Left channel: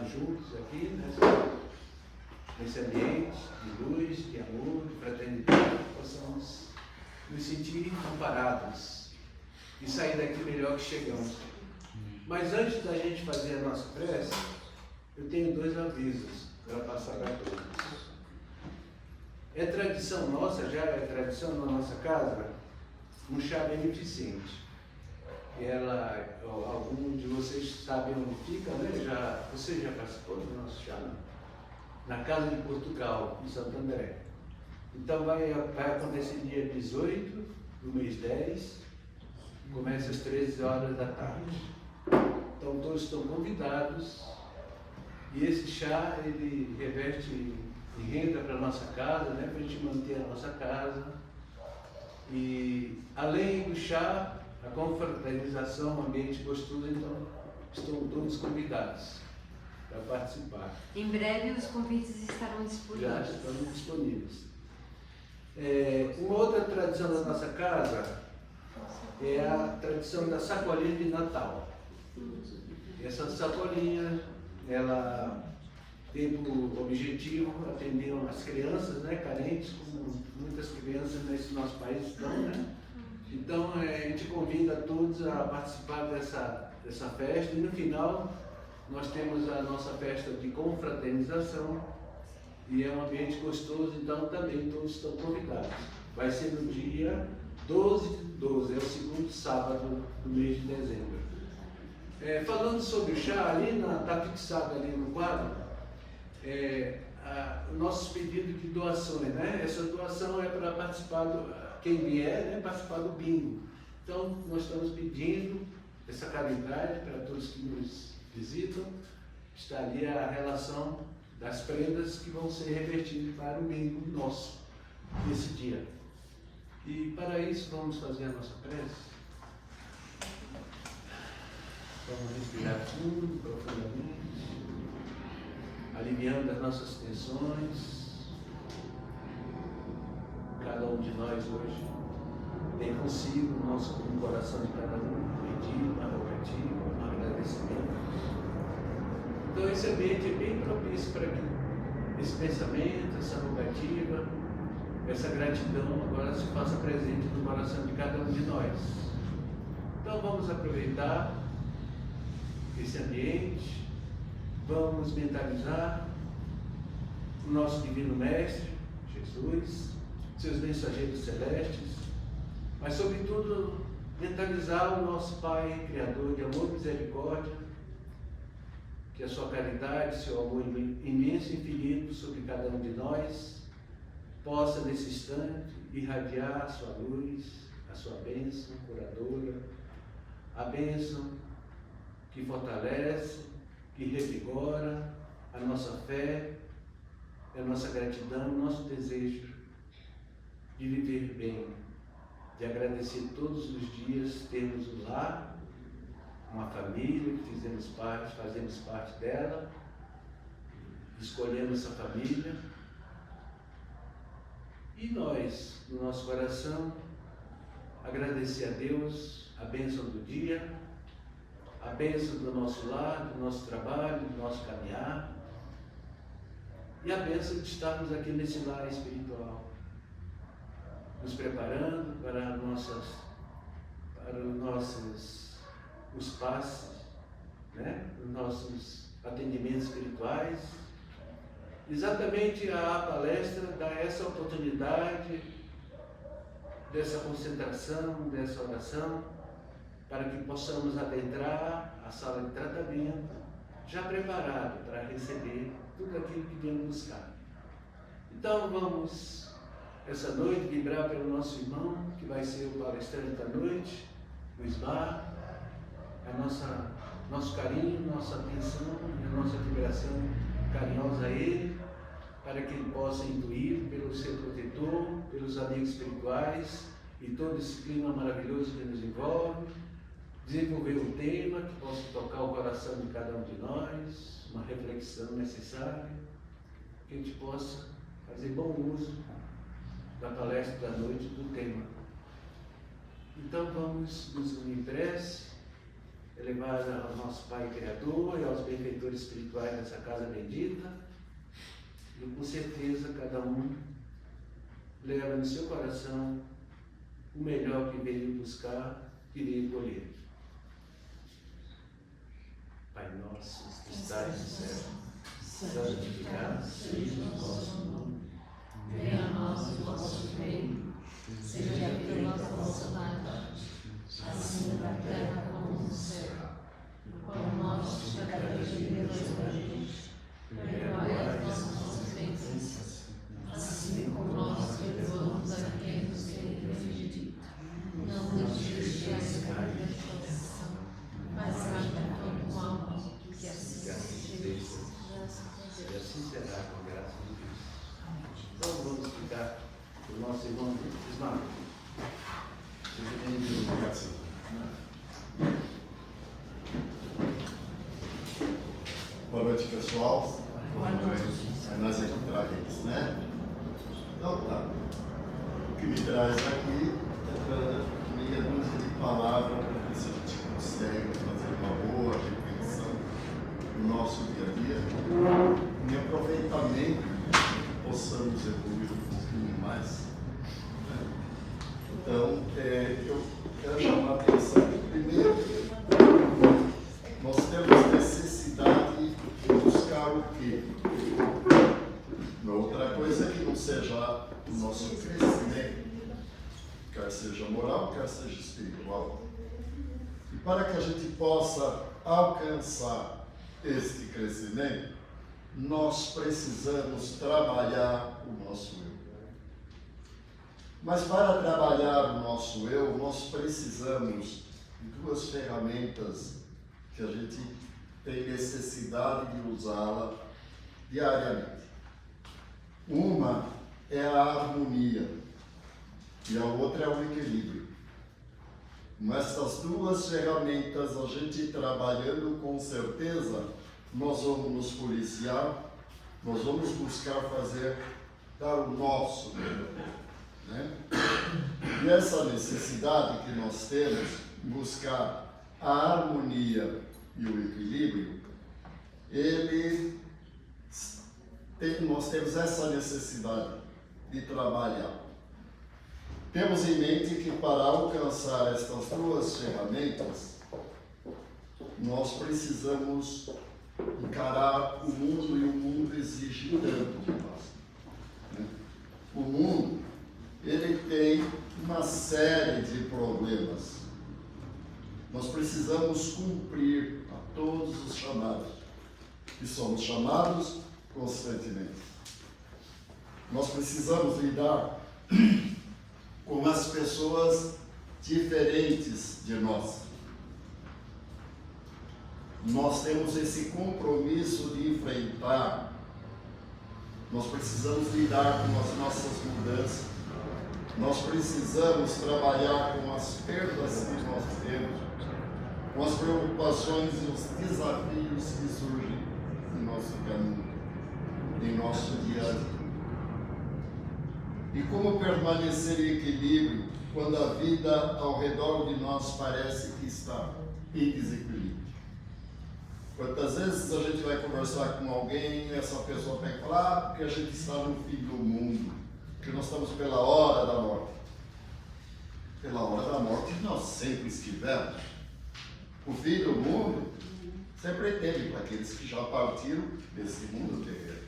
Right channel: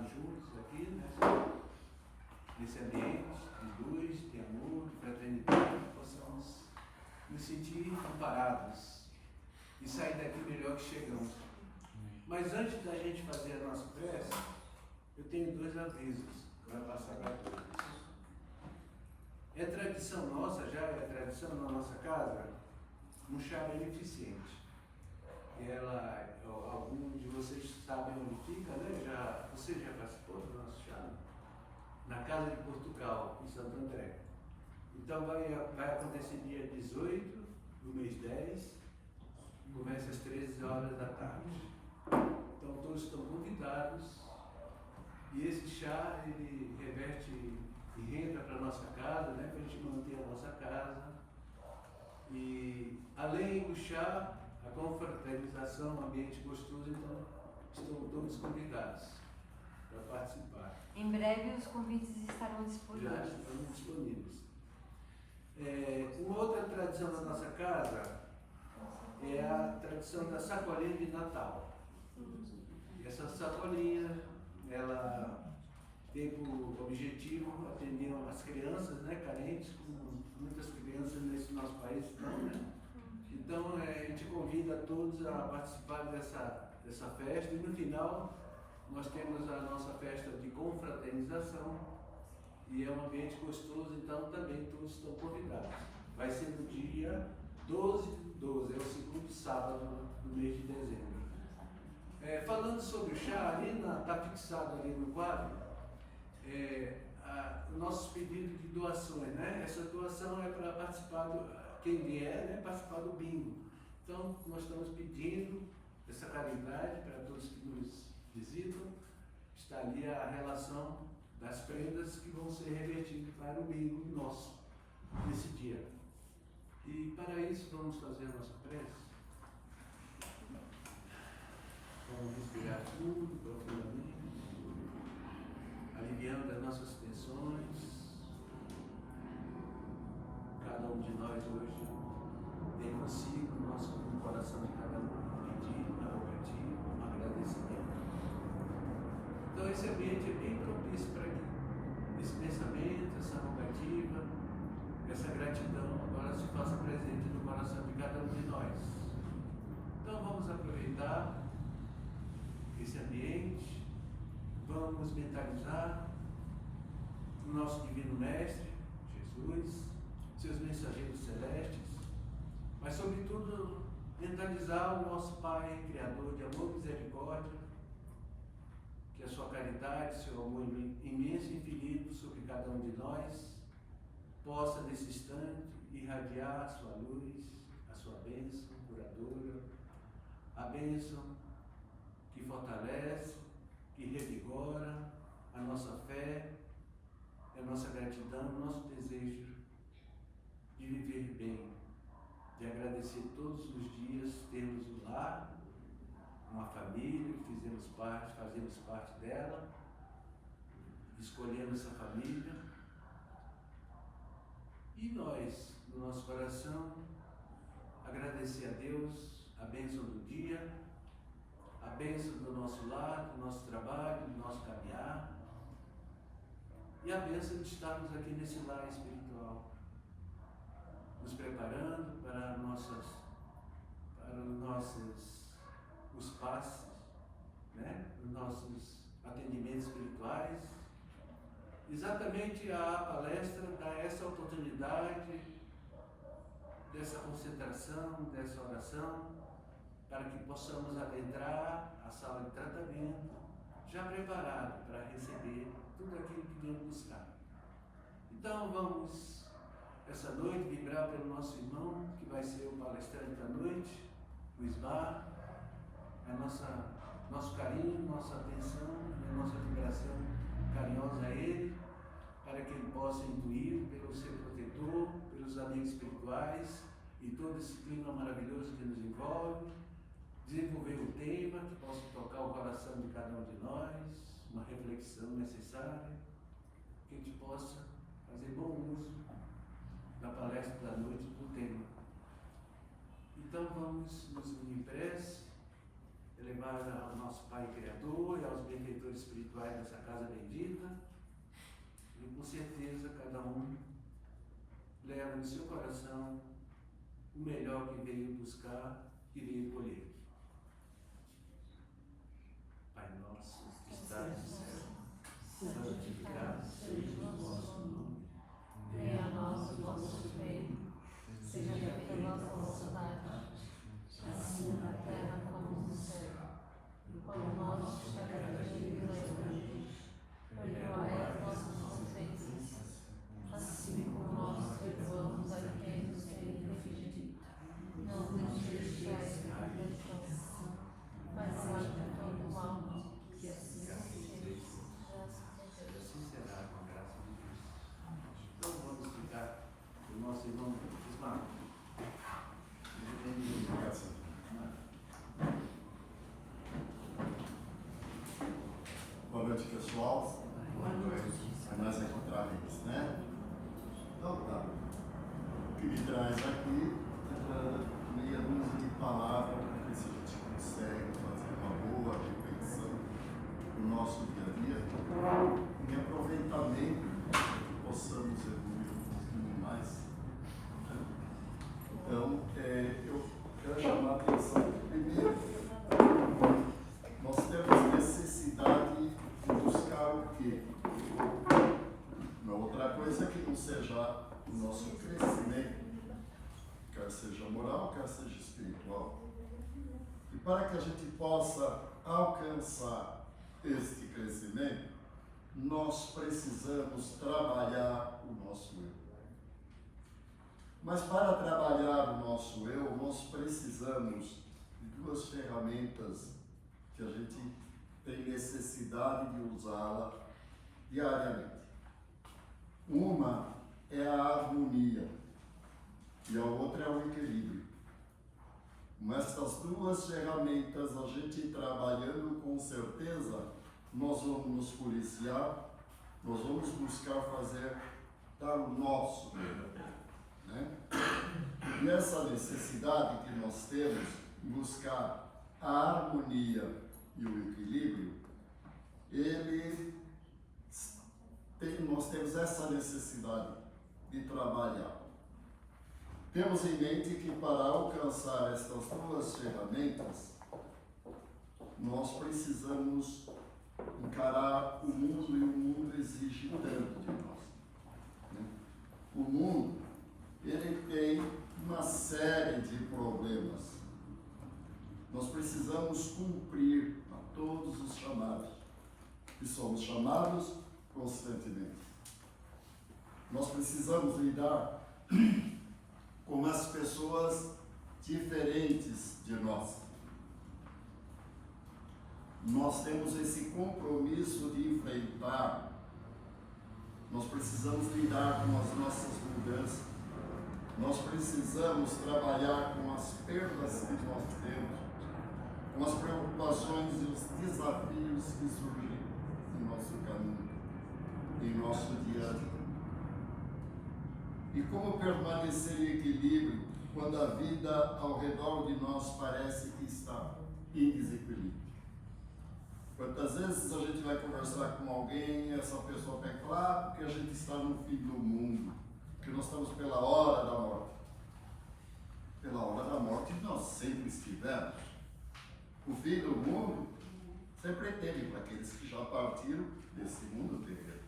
estarmos juntos aqui, né? Nesse ambiente de luz, de amor, de fraternidade, possamos nos sentir amparados e sair daqui melhor que chegamos. Mas antes da gente fazer a nossa prece, eu tenho 2 avisos para passar para todos. É tradição nossa, já é tradição na nossa casa, um chá beneficente. Algum de vocês sabem onde fica, né? Você já participou do nosso chá, não? Na Casa de Portugal, em Santo André. Então vai acontecer dia 18 do mês 10, começa às 13 horas da tarde. Então todos estão convidados. E esse chá, ele reverte em renda para a nossa casa, né? Para a gente manter a nossa casa. E além do chá, a confraternização, um ambiente gostoso, então estão todos convidados para participar. Em breve os convites estarão disponíveis. Já estão disponíveis. Uma outra tradição da nossa casa é a tradição da sacolinha de Natal. Essa sacolinha, ela tem por objetivo atender as crianças, né, carentes, como muitas crianças nesse nosso país estão, né? Então a gente convida todos a participar dessa festa, e no final nós temos a nossa festa de confraternização, e é um ambiente gostoso, então também todos estão convidados. Vai ser no dia 12/12, é o segundo sábado do mês de dezembro. Falando sobre o chá, ali está fixado ali no quadro, o nosso pedido de doações, né? Essa doação é para participar, quem vier, né, participar do bingo. Então nós estamos pedindo essa caridade para todos que nos visitam. Está ali a relação das prendas que vão ser revertidas para o bingo nosso nesse dia. E para isso vamos fazer a nossa prece. Vamos respirar fundo, profundamente, aliviando as nossas tensões. Cada um de nós hoje tem consigo no coração de cada um pedido, uma rogativa, um agradecimento. Então esse ambiente é bem propício para que esse pensamento, essa rogativa, essa gratidão agora se faça presente no coração de cada um de nós. Então vamos aproveitar esse ambiente, vamos mentalizar o nosso Divino Mestre, Jesus, seus mensageiros celestes, mas sobretudo mentalizar o nosso Pai Criador de amor e misericórdia, que a sua caridade, seu amor imenso e infinito sobre cada um de nós possa nesse instante irradiar a sua luz, a sua bênção curadora, a bênção que fortalece, que revigora a nossa fé, a nossa gratidão, o nosso desejo de viver bem, de agradecer todos os dias, termos um lar, uma família que fazemos parte dela, escolhemos essa família, e nós, no nosso coração, agradecer a Deus a bênção do dia, a bênção do nosso lar, do nosso trabalho, do nosso caminhar, e a bênção de estarmos aqui nesse lar espiritual, nos preparando para os passes, né? Os nossos atendimentos espirituais. Exatamente a palestra dá essa oportunidade dessa concentração, dessa oração, para que possamos adentrar a sala de tratamento, já preparado para receber tudo aquilo que viemos buscar. Então vamos, essa noite, vibrar pelo nosso irmão, que vai ser o palestrante da noite, o Ismar, nosso carinho, nossa atenção e a nossa vibração carinhosa a ele, para que ele possa intuir pelo seu protetor, pelos amigos espirituais e todo esse clima maravilhoso que nos envolve, desenvolver um tema que possa tocar o coração de cada um de nós, uma reflexão necessária, que a gente possa fazer bom uso da palestra da noite do tema. Então vamos nos unir em prece. elevar ao nosso Pai Criador e aos benfeitores espirituais dessa casa bendita. E com certeza cada um leva no seu coração o melhor que veio buscar e veio colher. Pai nosso, que estais no céu, santificado seja o vosso nome. Venha a nós o vosso reino, seja feita a vossa vontade, assim na terra como no céu. O pão nosso de cada dia nos dai hoje, perdoai as nossas ofensas, assim como nós perdoamos a quem nos tem ofendido. Não nos deixeis cair em tentação, mas livrai-nos do mal, que assim seja. E assim será, com a graça de Deus. Então vamos ficar com o nosso irmão Ismael. Boa noite, pessoal. Boa noite. É nós aqui traz, né? Então tá. O que me traz aqui é meia dúzia de palavras para ver se a gente consegue fazer uma boa reflexão no nosso dia a dia. Em aproveitamento, possamos evoluir um pouquinho mais. Né? Então, eu quero chamar a atenção que, primeiro, nós temos necessidade de buscar o quê? Outra coisa que não seja o nosso crescimento, quer seja moral, quer seja espiritual. E para que a gente possa alcançar este crescimento, nós precisamos trabalhar o nosso eu. Mas para trabalhar o nosso eu, nós precisamos de duas ferramentas que a gente tem necessidade de usá-la diariamente. Uma é a harmonia e a outra é o equilíbrio. Mas essas duas ferramentas, a gente trabalhando, com certeza, nós vamos nos policiar, nós vamos buscar dar o nosso melhor. Né? E essa necessidade que nós temos de buscar a harmonia e o equilíbrio, nós temos essa necessidade de trabalhar. Temos em mente que para alcançar estas duas ferramentas, nós precisamos encarar o mundo, e o mundo exige tanto de nós. Né? O mundo, ele tem uma série de problemas. Nós precisamos cumprir a todos os chamados, e somos chamados constantemente. Nós precisamos lidar com as pessoas diferentes de nós. Nós temos esse compromisso de enfrentar. Nós precisamos lidar com as nossas mudanças. Nós precisamos trabalhar com as perdas que nós temos, com as preocupações e os desafios que surgem no nosso caminho, em nosso dia a dia. E como permanecer em equilíbrio quando a vida ao redor de nós parece que está em desequilíbrio? Quantas vezes a gente vai conversar com alguém e essa pessoa pega e fala, porque a gente está no fim do mundo, que nós estamos pela hora da morte. Pela hora da morte nós sempre estivemos. O fim do mundo sempre teve para aqueles que já partiram desse mundo terreno.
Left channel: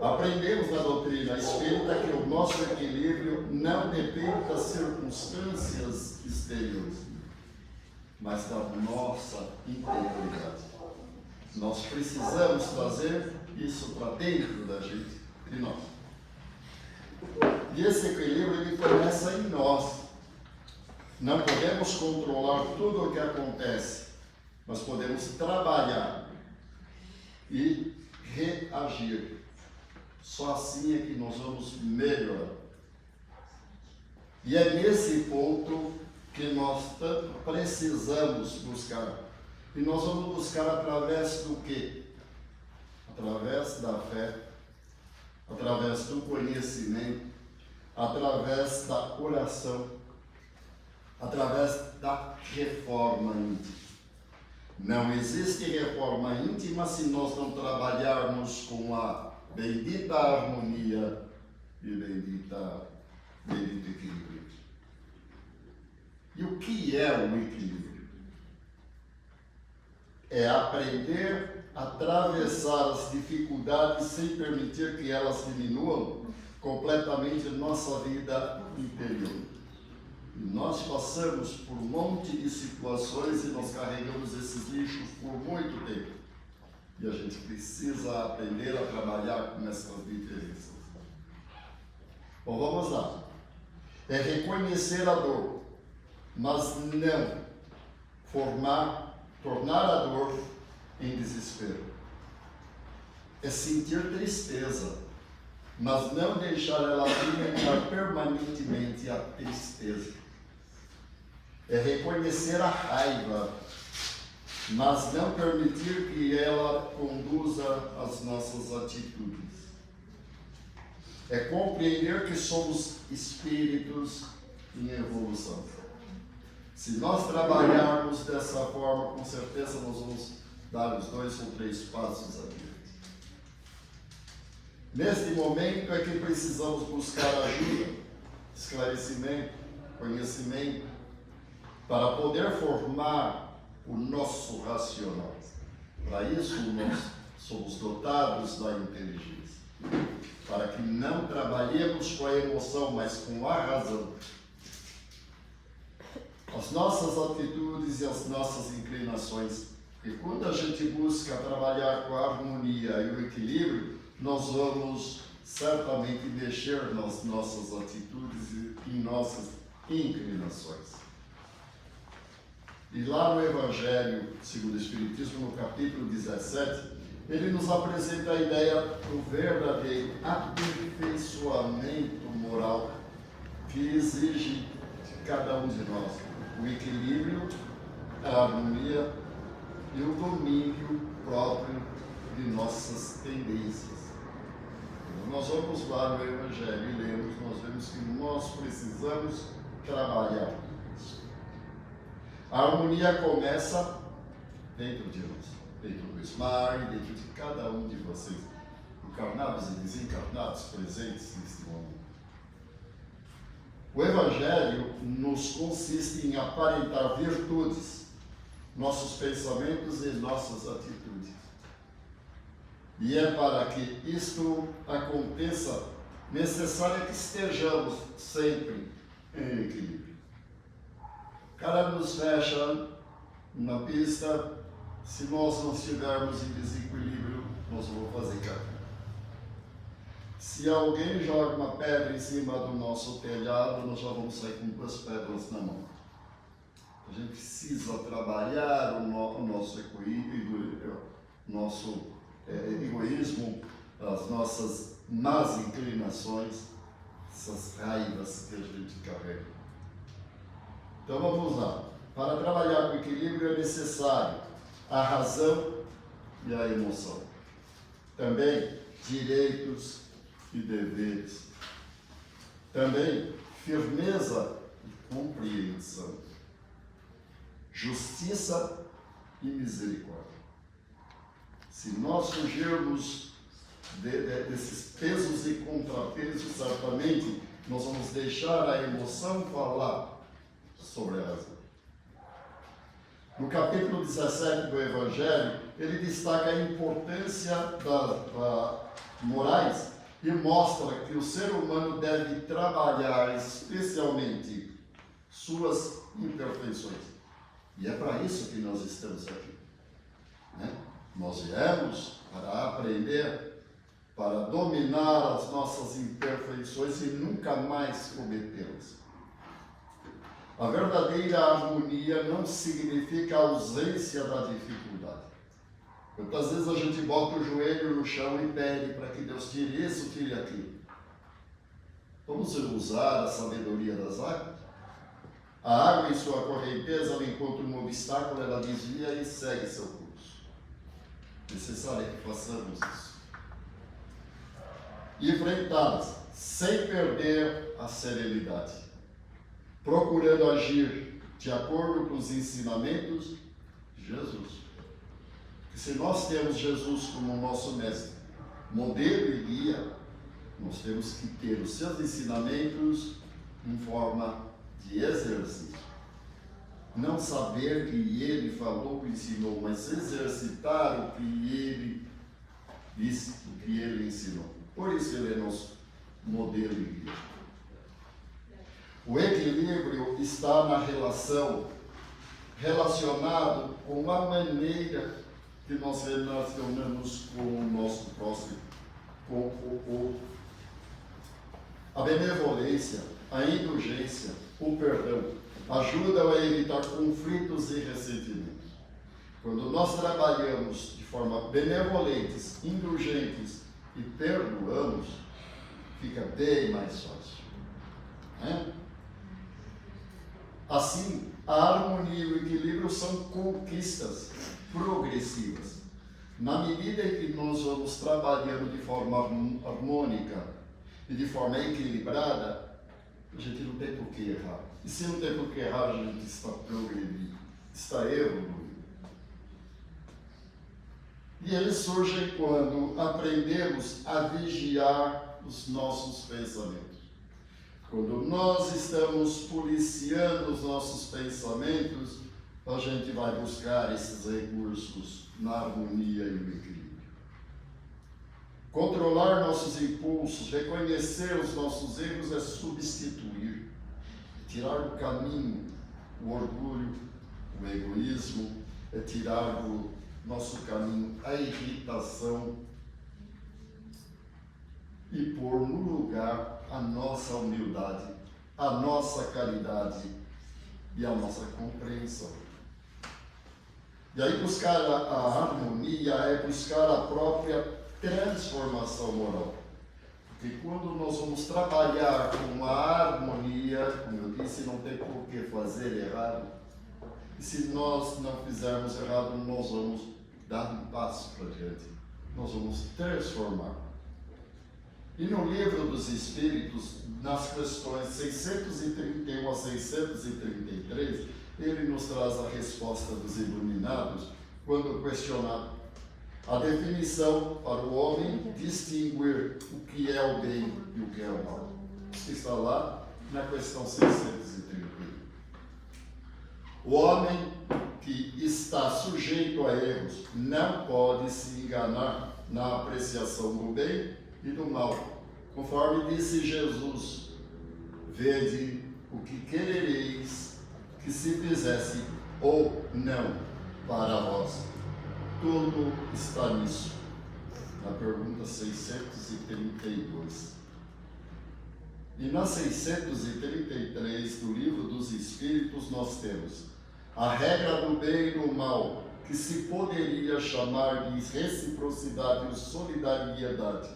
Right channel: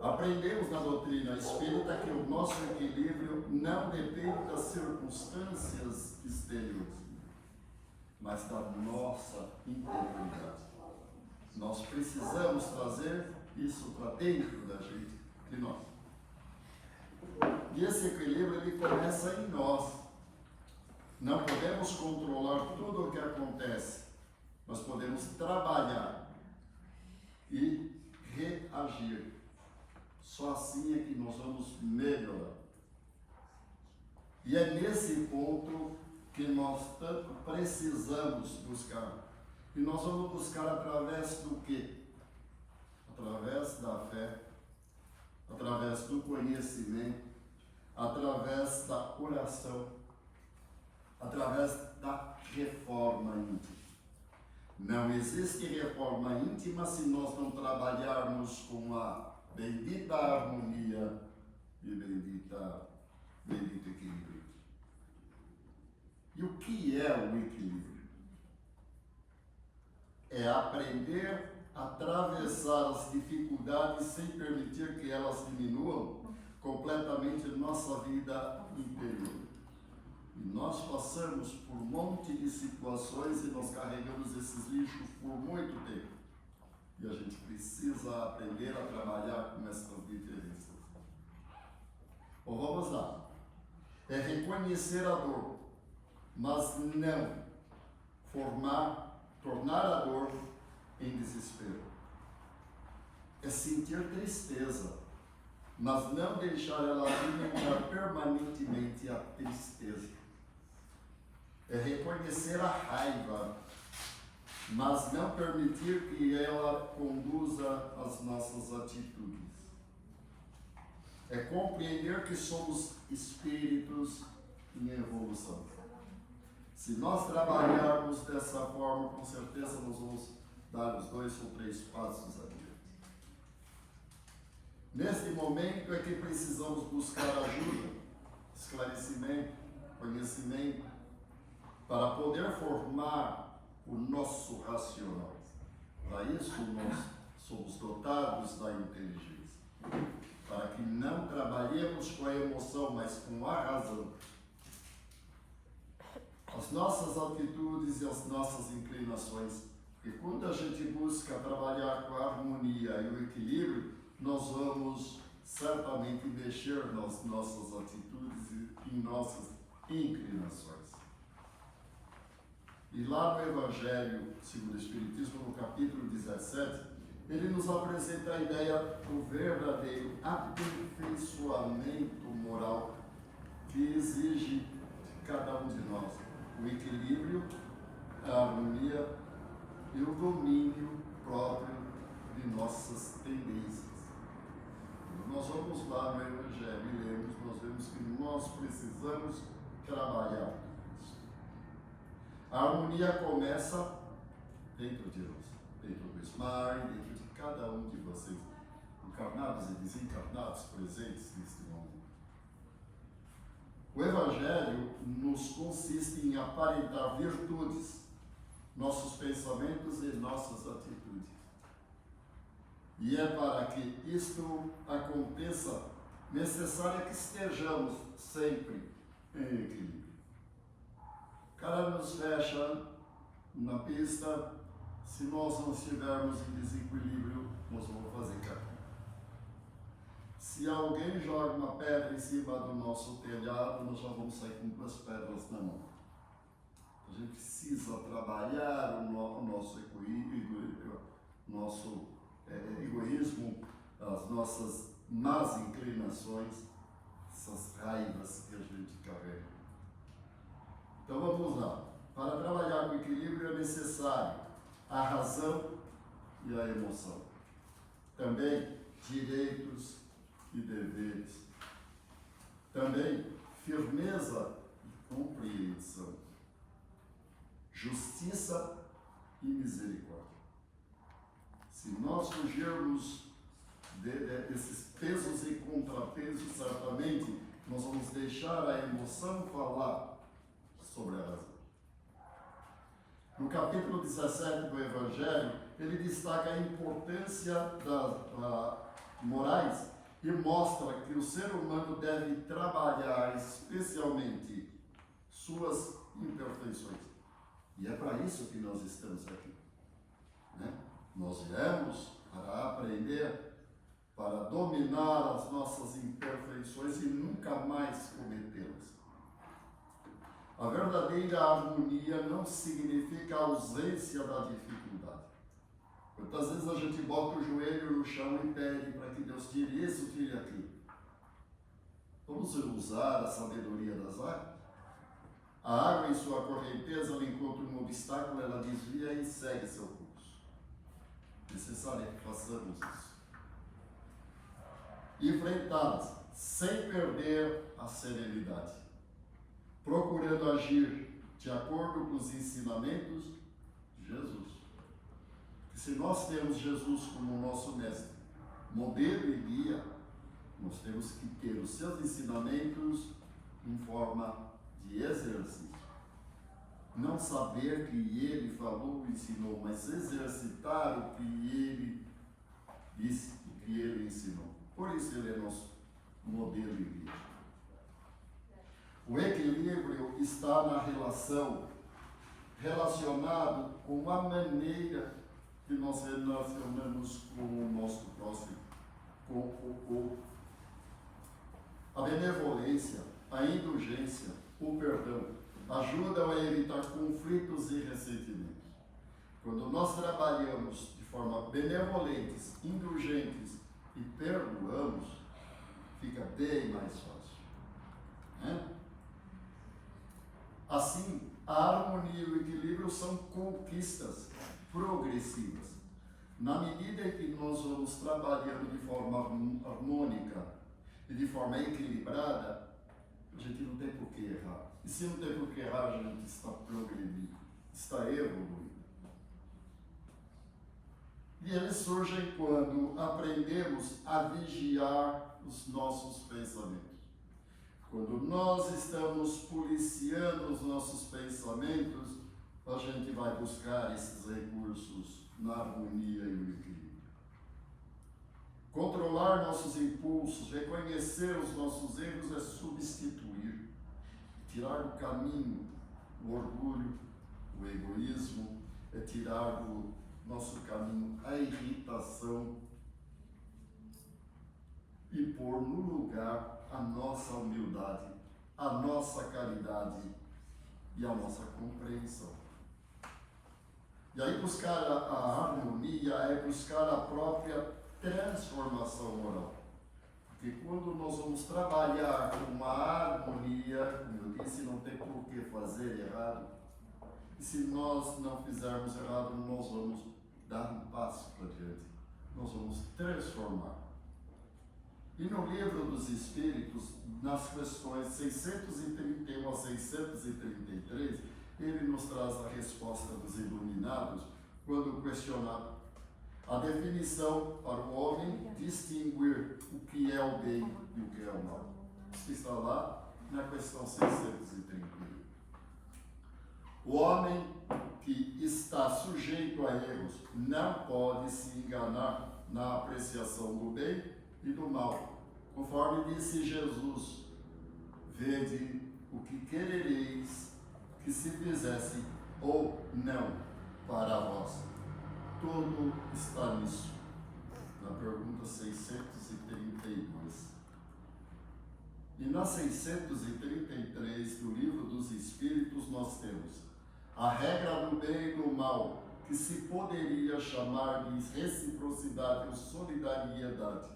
Aprendemos na doutrina espírita que o nosso equilíbrio não depende das circunstâncias exteriores, mas da nossa integridade. Nós precisamos trazer isso para dentro da gente, de nós. E esse equilíbrio ele começa em nós. Não podemos controlar tudo o que acontece, mas podemos trabalhar e reagir. Só assim é que nós vamos melhorar. E é nesse ponto que nós tanto precisamos buscar. E nós vamos buscar através do quê? Através da fé, através do conhecimento, através da oração. através da reforma íntima. Não existe reforma íntima se nós não trabalharmos com a bendita harmonia e bendito equilíbrio. E o que é o equilíbrio? É aprender a atravessar as dificuldades sem permitir que elas diminuam completamente nossa vida interior. E nós passamos por um monte de situações e nós carregamos esses lixos por muito tempo. E a gente precisa aprender a trabalhar com essas diferenças. Bom, vamos lá. É reconhecer a dor, mas não tornar a dor em desespero. É sentir tristeza, mas não deixar ela alimentar permanentemente a tristeza. É reconhecer a raiva, mas não permitir que ela conduza as nossas atitudes. É compreender que somos espíritos em evolução. Se nós trabalharmos dessa forma, com certeza nós vamos dar os 2 ou 3 passos adiante. Neste momento é que precisamos buscar ajuda, esclarecimento, conhecimento, para poder formar o nosso racional. Para isso nós somos dotados da inteligência. Para que não trabalhemos com a emoção, mas com a razão. As nossas atitudes e as nossas inclinações. E quando a gente busca trabalhar com a harmonia e o equilíbrio, nós vamos certamente mexer nas nossas atitudes e em nossas inclinações. E lá no Evangelho segundo o Espiritismo, no capítulo 17, ele nos apresenta a ideia do verdadeiro aperfeiçoamento moral que exige de cada um de nós o equilíbrio, a harmonia e o domínio próprio de nossas tendências. Quando nós vamos lá no Evangelho e lemos, nós vemos que nós precisamos trabalhar isso. A harmonia começa dentro de nós, dentro do Ismar, dentro de cada um de vocês, encarnados e desencarnados, presentes neste momento. O Evangelho nos consiste em aparentar virtudes, nossos pensamentos e nossas atitudes. E é para que isto aconteça necessário que estejamos sempre em equilíbrio. O cara nos fecha na pista, se nós não estivermos em desequilíbrio, nós vamos fazer caminho. Se alguém joga uma pedra em cima do nosso telhado, nós já vamos sair com 2 pedras na mão. A gente precisa trabalhar o nosso egoísmo, as nossas más inclinações, essas raivas que a gente carrega. Então vamos lá. Para trabalhar com equilíbrio é necessário a razão e a emoção. Também direitos e deveres. Também firmeza e compreensão. Justiça e misericórdia. Se nós fugirmos desses pesos e contrapesos, certamente nós vamos deixar a emoção falar sobre a razão. No capítulo 17 do Evangelho, ele destaca a importância das morais e mostra que o ser humano deve trabalhar especialmente suas imperfeições. E é para isso que nós estamos aqui. Né? Nós viemos para aprender, para dominar as nossas imperfeições e nunca mais cometê-las. A verdadeira harmonia não significa a ausência da dificuldade. Quantas vezes a gente bota o joelho no chão e pede para que Deus tire isso, tire aquilo. Vamos usar a sabedoria das águas? A água, em sua correnteza, ela encontra um obstáculo, ela desvia e segue seu curso. É necessário que façamos isso. E enfrentá-las sem perder a serenidade. procurando agir de acordo com os ensinamentos de Jesus. E se nós temos Jesus como nosso mestre, modelo e guia, nós temos que ter os seus ensinamentos em forma de exercício. Não saber que ele falou, ensinou, mas exercitar o que ele disse, o que ele ensinou. Por isso ele é nosso modelo e guia. O equilíbrio está na relacionado com a maneira que nós relacionamos com o nosso próximo, a benevolência, a indulgência, o perdão, ajudam a evitar conflitos e ressentimentos. Quando nós trabalhamos de forma benevolentes, indulgentes e perdoamos, fica bem mais fácil. Né? Assim, a harmonia e o equilíbrio são conquistas progressivas. Na medida em que nós vamos trabalhando de forma harmônica e de forma equilibrada, a gente não tem por que errar. E se não tem por que errar, a gente está progredindo, está evoluindo. E eles surgem quando aprendemos a vigiar os nossos pensamentos. Quando nós estamos policiando os nossos pensamentos, a gente vai buscar esses recursos na harmonia e no equilíbrio. Controlar nossos impulsos, reconhecer os nossos erros é substituir, tirar do caminho o orgulho, o egoísmo, é tirar do nosso caminho a irritação e pôr no lugar a nossa humildade, a nossa caridade e a nossa compreensão. E aí buscar a harmonia é buscar a própria transformação moral. Porque quando nós vamos trabalhar com a harmonia, como eu disse, não tem por que fazer errado. E se nós não fizermos errado, nós vamos dar um passo para diante. Nós vamos transformar. E no Livro dos Espíritos, nas questões 631 a 633, ele nos traz a resposta dos iluminados quando questionado a definição para o homem distinguir o que é o bem e o que é o mal. Isso está lá na questão 631. O homem que está sujeito a erros não pode se enganar na apreciação do bem e do mal. Conforme disse Jesus, vede o que querereis que se fizesse ou não para vós. Tudo está nisso. Na pergunta 632. E na 633 do Livro dos Espíritos nós temos a regra do bem e do mal, que se poderia chamar de reciprocidade ou solidariedade,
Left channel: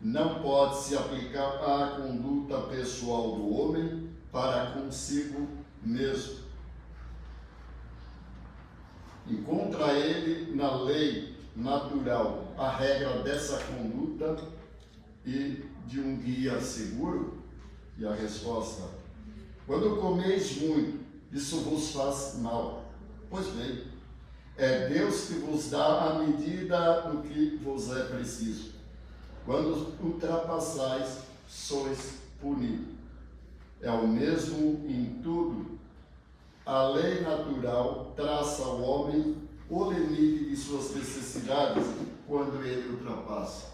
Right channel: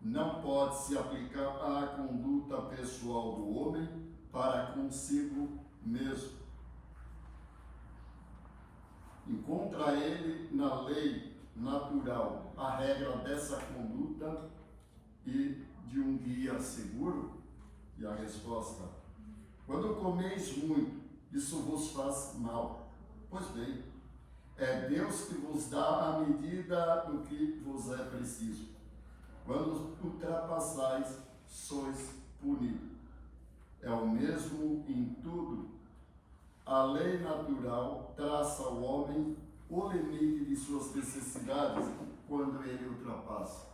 não pode se aplicar à conduta pessoal do homem para consigo mesmo. Encontra ele na lei natural a regra dessa conduta e de um guia seguro? E a resposta: quando comeis muito, isso vos faz mal. Pois bem, é Deus que vos dá a medida do que vos é preciso. Quando ultrapassais, sois punidos. É o mesmo em tudo. A lei natural traça ao homem o limite de suas necessidades quando ele ultrapassa.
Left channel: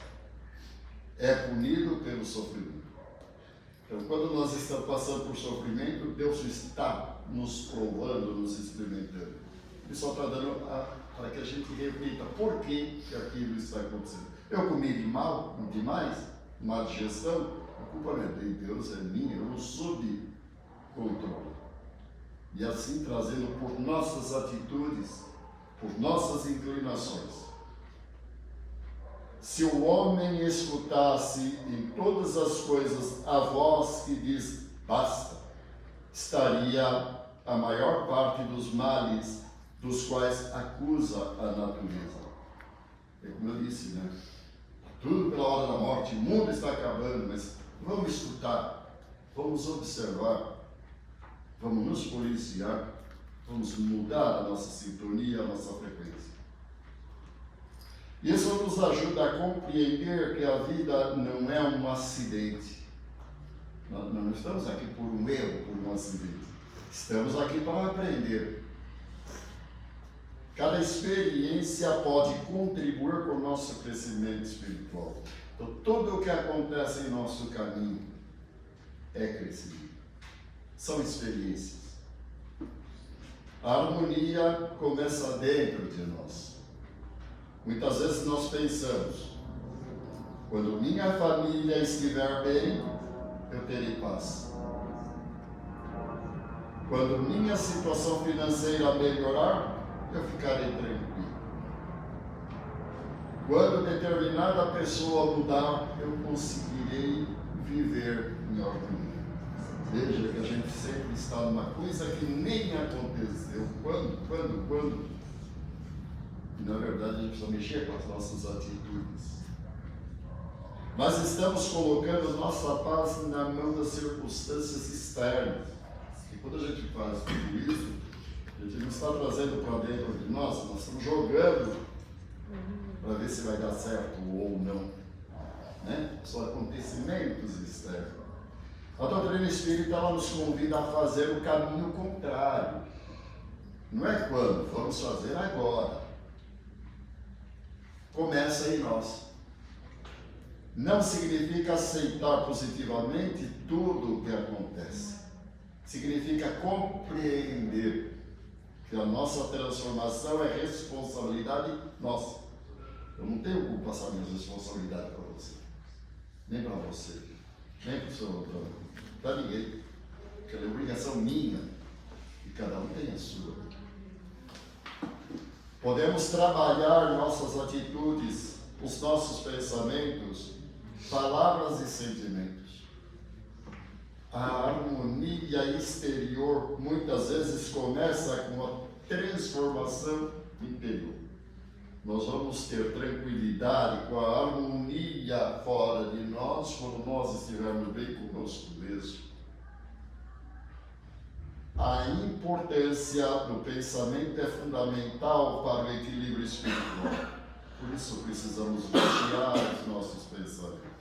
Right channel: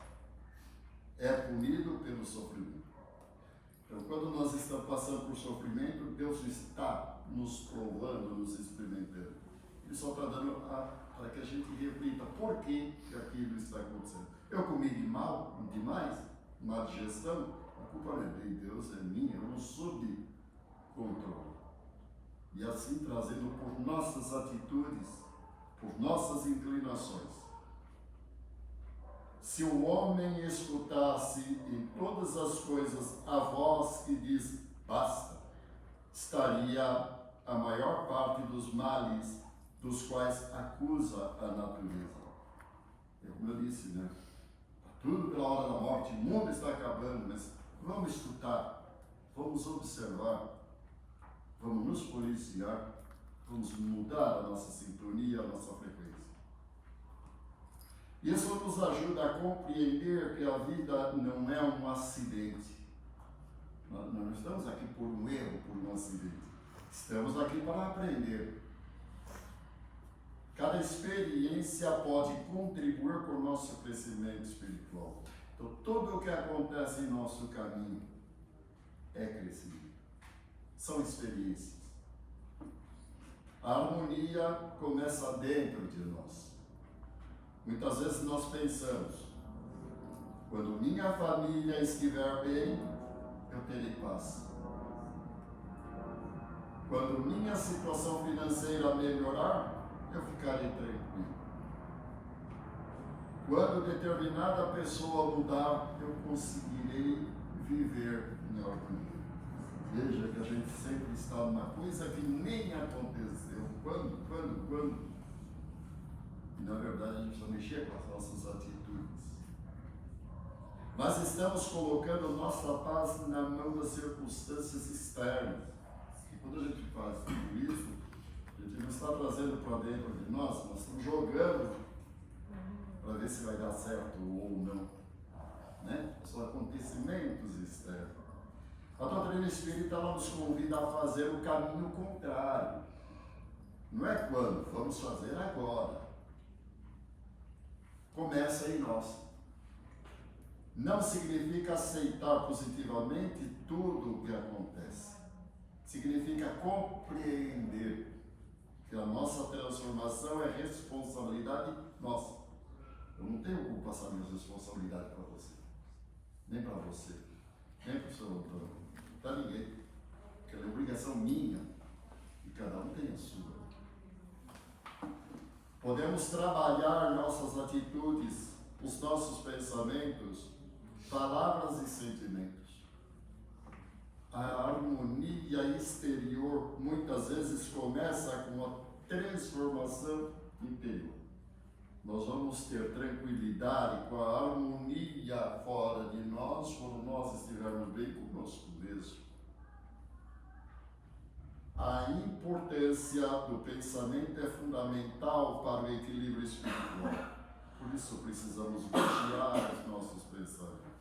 É punido pelo sofrimento. Então, quando nós estamos passando por sofrimento, Deus está nos provando, nos experimentando. Ele só está dando para que a gente reflita por que aquilo está acontecendo. Eu comi demais, má digestão, a culpa não é de Deus, é minha, eu não soube controlar. E assim trazendo por nossas atitudes, por nossas inclinações. Se o homem escutasse em todas as coisas a voz que diz basta, estaria a maior parte dos males dos quais acusa a natureza. É como eu disse, né? Tudo pela hora da morte, o mundo está acabando, mas vamos escutar, vamos observar. vamos nos policiar, vamos mudar a nossa sintonia, a nossa frequência. Isso nos ajuda a compreender que a vida não é um acidente. Nós não estamos aqui por um erro, por um acidente. Estamos aqui para aprender. Cada experiência pode contribuir com o nosso crescimento espiritual. Então, tudo o que acontece em nosso caminho é crescimento. São experiências. A harmonia começa dentro de nós. Muitas vezes nós pensamos, quando minha família estiver bem, eu terei paz. Quando minha situação financeira melhorar, eu ficarei tranquilo. Quando determinada pessoa mudar, eu conseguirei viver em harmonia. Veja que a gente sempre está numa coisa que nem aconteceu. Quando? E na verdade a gente precisa mexer com as nossas atitudes. Mas estamos colocando nossa paz na mão das circunstâncias externas. E quando a gente faz tudo isso, a gente não está trazendo para dentro de nós estamos jogando para ver se vai dar certo ou não. Né? São acontecimentos externos. A doutrina espírita ela nos convida a fazer o caminho contrário. Não é quando, vamos fazer agora. Começa em nós. Não significa aceitar positivamente tudo o que acontece. Significa compreender que a nossa transformação é responsabilidade nossa. Eu não tenho como passar minhas responsabilidades para você. Nem para você. Nem para o seu outro. Para ninguém. Porque é obrigação minha. E cada um tem a sua. Podemos trabalhar nossas atitudes, os nossos pensamentos, palavras e sentimentos. A harmonia exterior muitas vezes começa com a transformação interior. Nós vamos ter tranquilidade com a harmonia fora de nós quando nós estivermos bem conosco mesmo. A importância do pensamento é fundamental para o equilíbrio espiritual. Por isso precisamos vigiar os nossos pensamentos.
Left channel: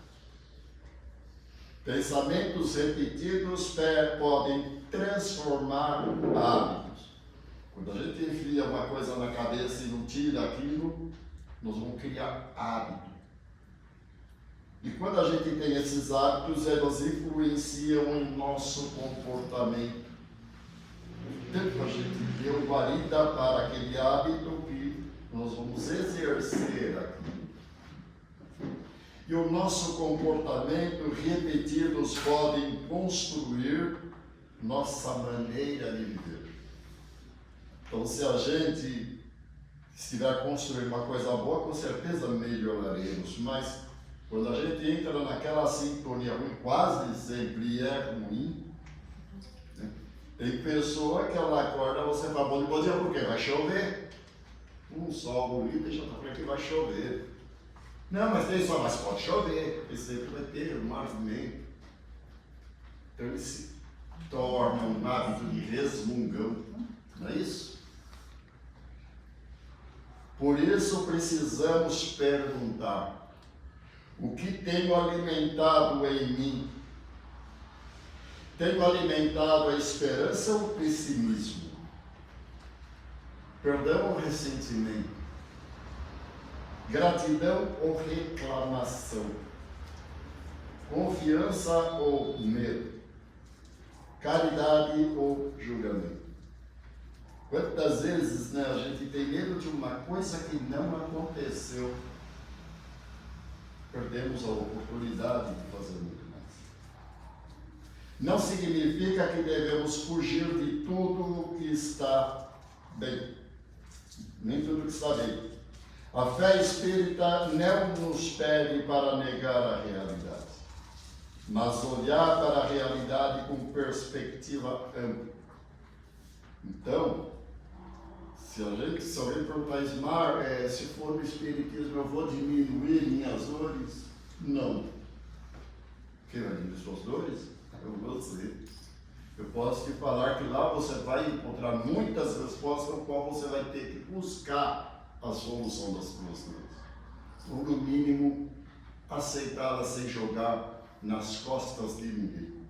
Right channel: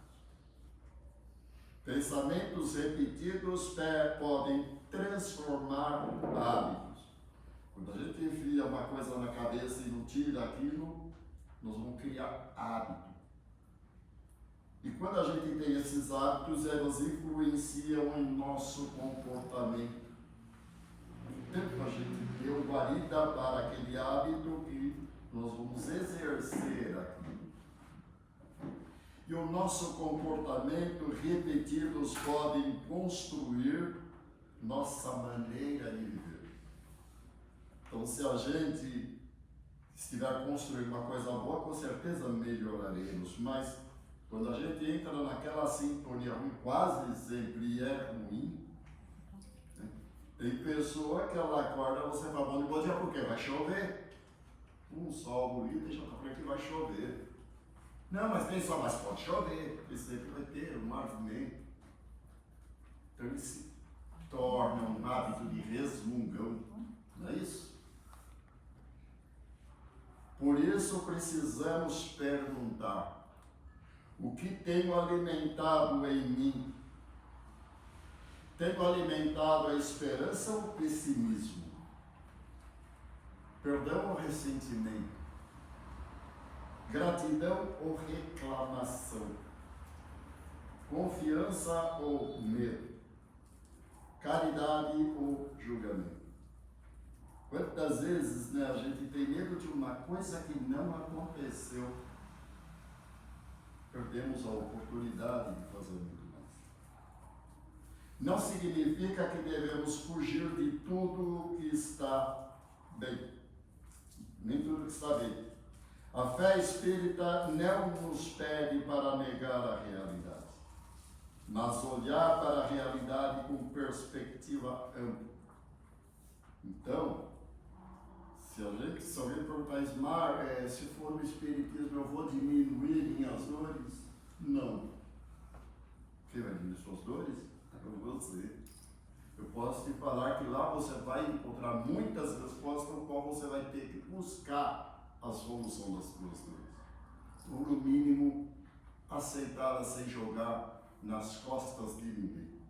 Pensamentos repetidos podem transformar hábitos. Quando a gente enfia uma coisa na cabeça e não tira aquilo, nós vamos criar hábito. E quando a gente tem esses hábitos, eles influenciam em nosso comportamento. Tanto a gente deu guarida para aquele hábito que nós vamos exercer aqui. E o nosso comportamento repetidos podem construir nossa maneira de viver. Então, se a gente estiver construindo uma coisa boa, com certeza melhoraremos. Mas quando a gente entra naquela sintonia ruim, quase sempre é ruim. Né? Tem pessoa que ela acorda, você fala, bom dia, por quê? Vai chover. Um sol bonito e já está falando que vai chover. Não, mas tem sol, mas pode chover, porque sempre vai ter um movimento. Então ele se torna um hábito de resmungão, não é isso? Por isso precisamos perguntar: o que tenho alimentado em mim? Tenho alimentado a esperança ou o pessimismo? Perdão ou ressentimento? Gratidão ou reclamação? Confiança ou medo? Caridade ou julgamento? Quantas vezes a gente tem medo de uma coisa que não aconteceu? Perdemos a oportunidade de fazer muito mais. Não significa que devemos fugir de tudo que está bem. Nem tudo que está bem. A fé espírita não nos pede para negar a realidade, mas olhar para a realidade com perspectiva ampla. Então, se alguém perguntar, Ismar, se for no espiritismo eu vou diminuir minhas dores? Não. Quem vai diminuir suas dores? É você. Eu posso te falar que lá você vai encontrar muitas respostas no qual você vai ter que buscar a solução das suas dores. Ou no mínimo, aceitá-la sem jogar nas costas de ninguém.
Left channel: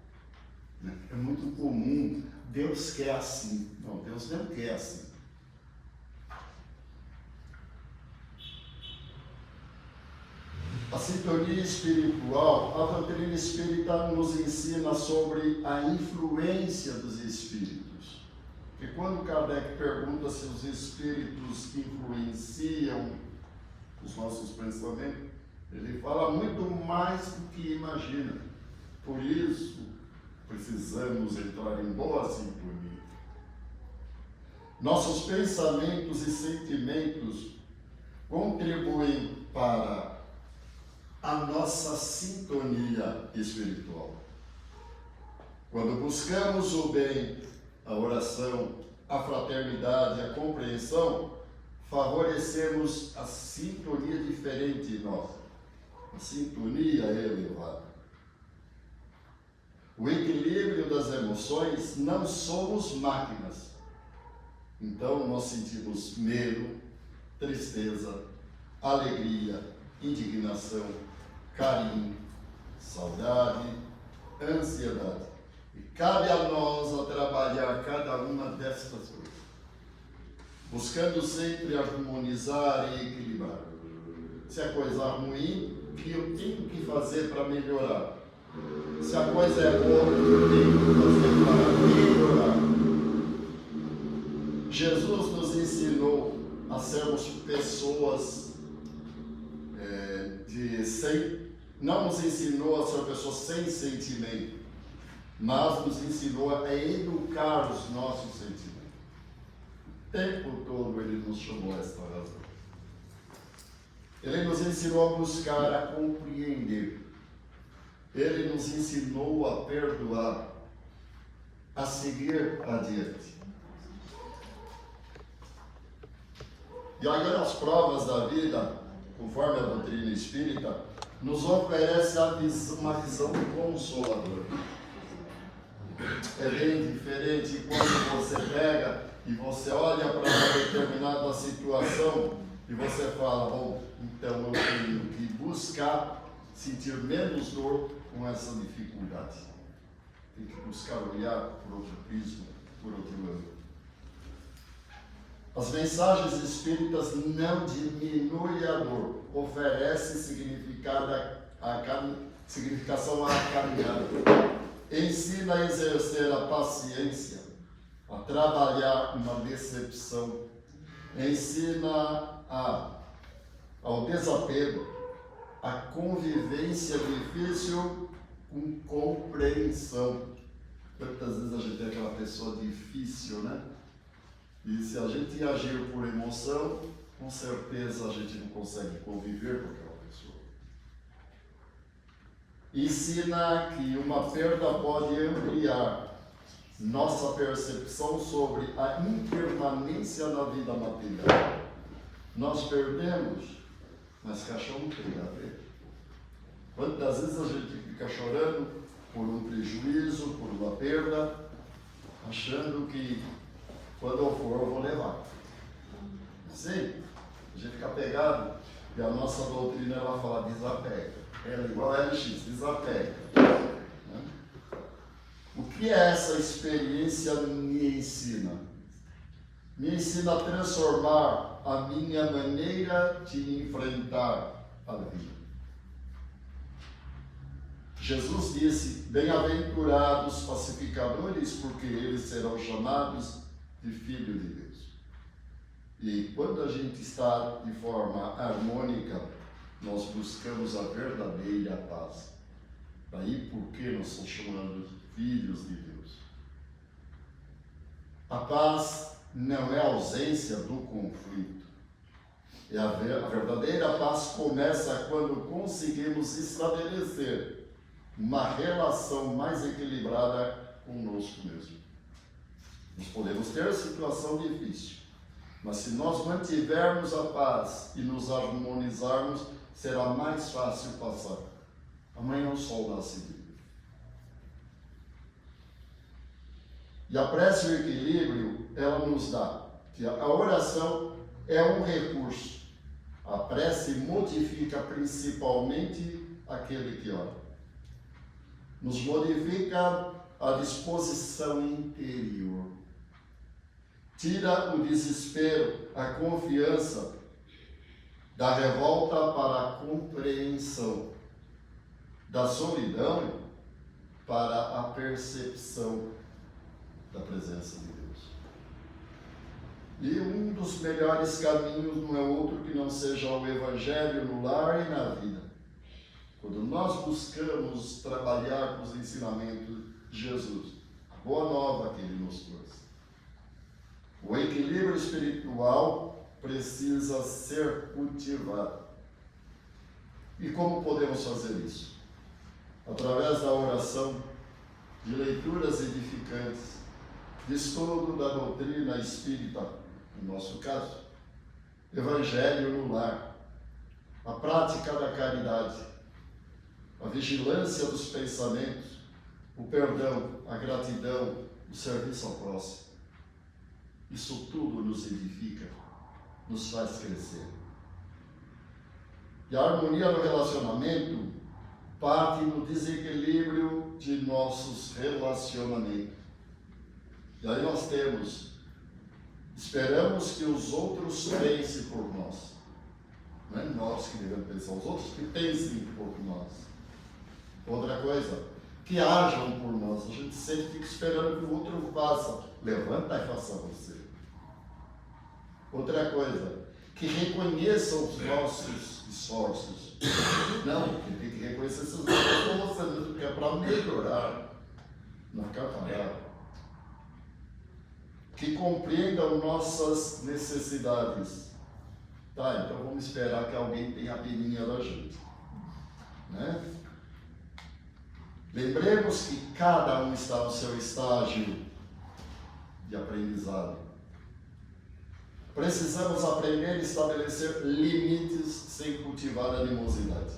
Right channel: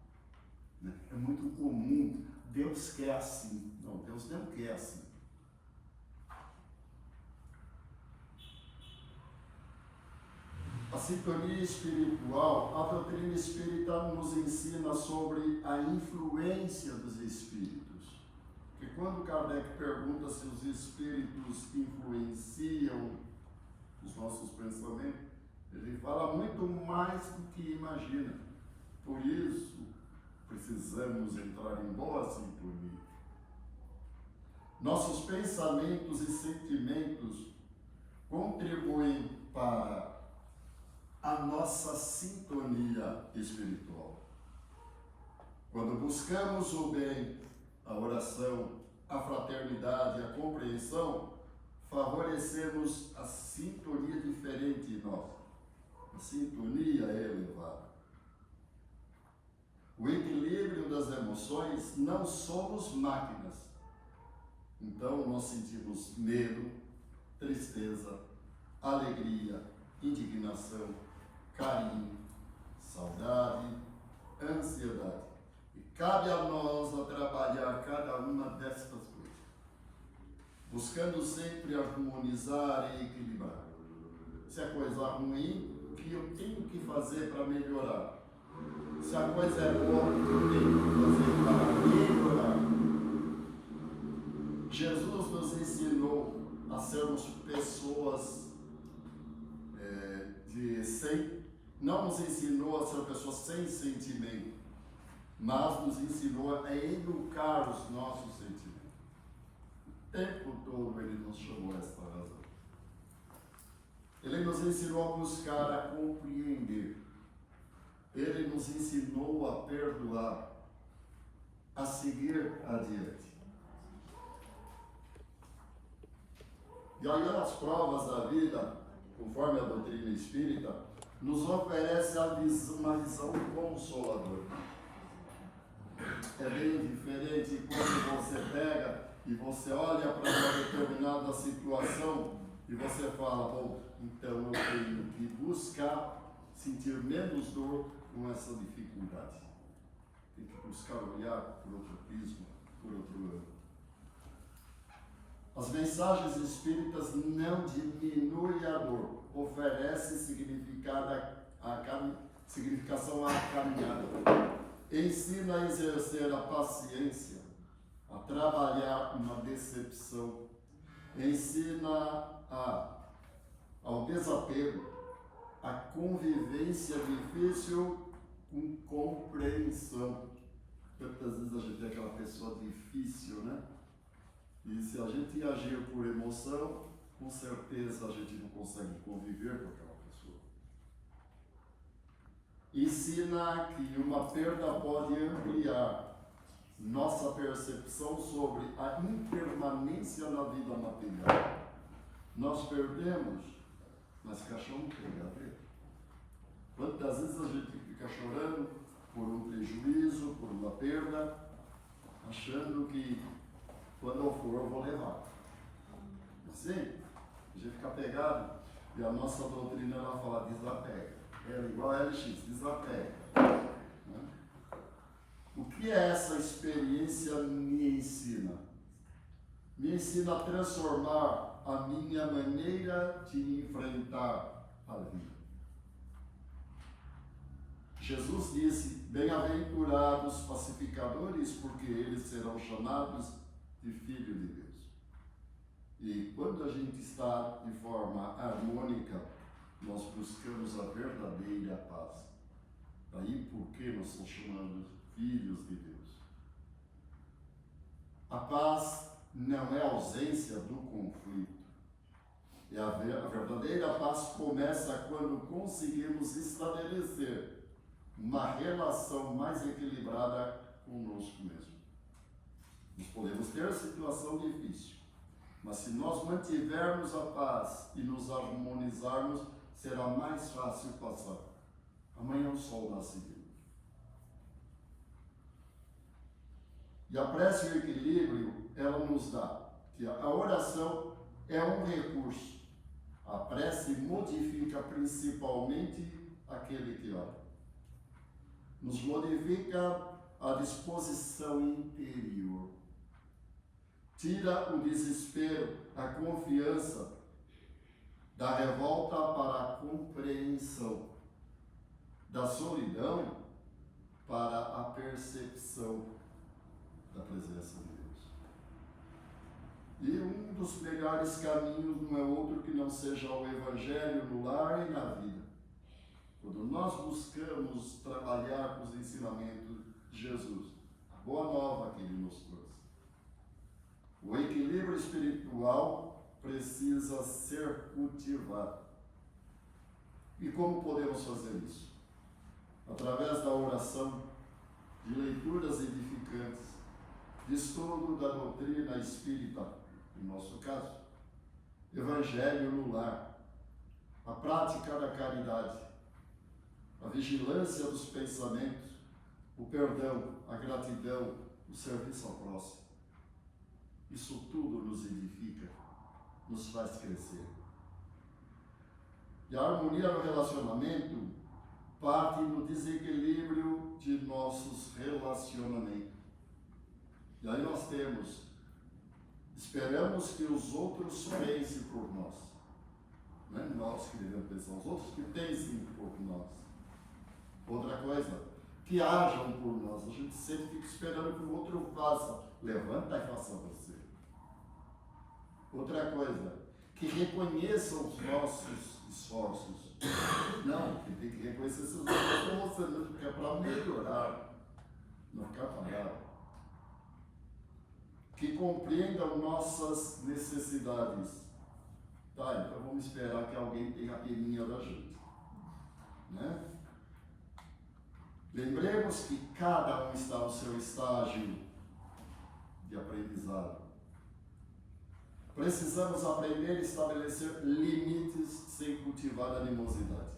É muito comum, Deus quer assim. Não, Deus não quer assim. A sintonia espiritual, a doutrina espírita nos ensina sobre a influência dos espíritos. E quando Kardec pergunta se os espíritos influenciam os nossos pensamentos, ele fala muito mais do que imagina. Por isso, precisamos entrar em boa sintonia. Nossos pensamentos e sentimentos contribuem para a nossa sintonia espiritual. Quando buscamos o bem, a oração, a fraternidade, a compreensão, favorecemos a sintonia diferente em nós. A sintonia é elevada. O equilíbrio das emoções, não somos máquinas. Então nós sentimos medo, tristeza, alegria, indignação, carinho, saudade, ansiedade. E cabe a nós a trabalhar cada uma destas coisas, buscando sempre harmonizar e equilibrar. Se a coisa é ruim, o que eu tenho que fazer para melhorar? Se a coisa é boa, o que eu tenho que fazer para melhorar? Jesus nos ensinou a sermos pessoas não nos ensinou a ser pessoas sem sentimento, mas nos ensinou a educar os nossos sentimentos. O tempo todo ele nos chamou a esta razão. Ele nos ensinou a buscar, a compreender. Ele nos ensinou a perdoar, a seguir adiante. E agora as provas da vida, conforme a doutrina espírita, nos oferece uma visão consoladora. É bem diferente quando você pega e você olha para uma determinada situação e você fala, bom, então eu tenho que buscar sentir menos dor com essa dificuldade. Tem que buscar olhar por outro prisma, por outro ângulo. As mensagens espíritas não diminuem a dor, oferecem significação à caminhada. Ensina a exercer a paciência, a trabalhar uma decepção. Ensina ao desapego, a convivência difícil com compreensão. Quantas vezes a gente é aquela pessoa difícil, né? E se a gente agir por emoção, com certeza a gente não consegue conviver com aquela pessoa. Ensina que uma perda pode ampliar nossa percepção sobre a impermanência na vida material. Nós perdemos, mas caixão não tem nada a ver. Quantas vezes a gente fica chorando por um prejuízo, por uma perda, achando que quando eu for, eu vou levar. Sim, a gente fica pegado, e a nossa doutrina ela fala desapega. Ela é igual a LX, desapega. O que é essa experiência me ensina? Me ensina a transformar a minha maneira de enfrentar a vida. Jesus disse, bem-aventurados pacificadores, porque eles serão chamados de filho de Deus. E quando a gente está de forma harmônica, nós buscamos a verdadeira paz. Daí porque nós somos chamados filhos de Deus. A paz não é a ausência do conflito. A verdadeira paz começa quando conseguimos estabelecer uma relação mais equilibrada conosco mesmo. Nós podemos ter situação difícil, mas se nós mantivermos a paz e nos harmonizarmos, será mais fácil passar. Amanhã o sol nasce. E a prece e o equilíbrio, ela nos dá que a oração é um recurso. A prece modifica principalmente aquele que ora. Nos modifica a disposição interior. Tira o desespero, a confiança, da revolta para a compreensão, da solidão para a percepção da presença de Deus. E um dos melhores caminhos não é outro que não seja o Evangelho no lar e na vida. Quando nós buscamos trabalhar com os ensinamentos de Jesus, a boa nova que Ele nos trouxe. O equilíbrio espiritual precisa ser cultivado. E como podemos fazer isso? Através da oração, de leituras edificantes, de estudo da doutrina espírita, no nosso caso, Evangelho no lar, a prática da caridade, a vigilância dos pensamentos, o perdão, a gratidão, o serviço ao próximo. Isso tudo nos edifica, nos faz crescer. E a harmonia no relacionamento parte do desequilíbrio de nossos relacionamentos. E aí nós esperamos que os outros pensem por nós. Não é nós que devemos pensar, os outros que pensem por nós. Outra coisa, que ajam por nós. A gente sempre fica esperando que o outro faça. Levanta e faça você. Outra coisa, que reconheçam os nossos esforços. Não, que tem que reconhecer esses esforços com você mesmo, porque é para melhorar, não ficar parado. Que compreendam nossas necessidades. Tá, então vamos esperar que alguém tenha a peninha da gente. Né? Lembremos que cada um está no seu estágio de aprendizado. Precisamos aprender a estabelecer limites sem cultivar animosidade.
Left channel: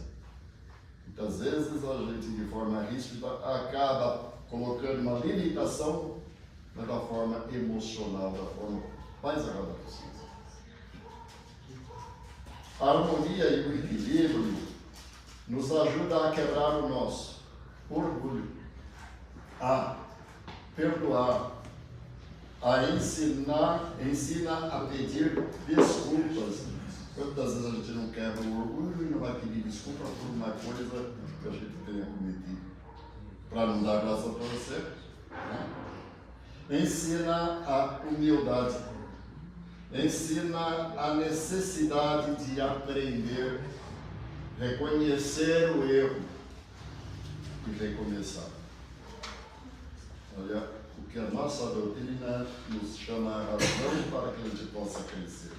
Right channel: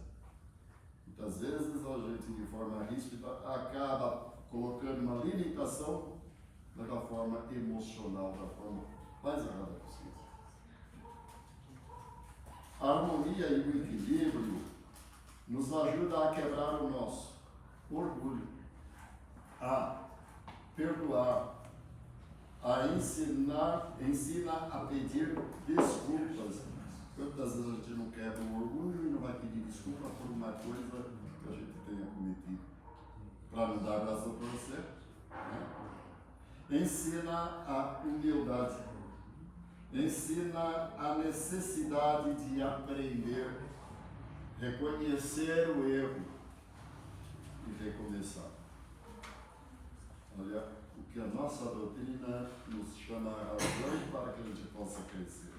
Muitas vezes a gente, de forma ríspida, acaba colocando uma limitação, mas da forma emocional, da forma mais errada possível. A harmonia e o equilíbrio nos ajuda a quebrar o nosso orgulho, a perdoar, a ensina a pedir desculpas. Quantas vezes a gente não quebra o orgulho e não vai pedir desculpa por uma coisa que a gente tenha cometido, para não dar graça para você, né? Ensina a humildade, ensina a necessidade de aprender, reconhecer o erro e recomeçar. Olha, o que a nossa doutrina nos chama a razão para que a gente possa crescer.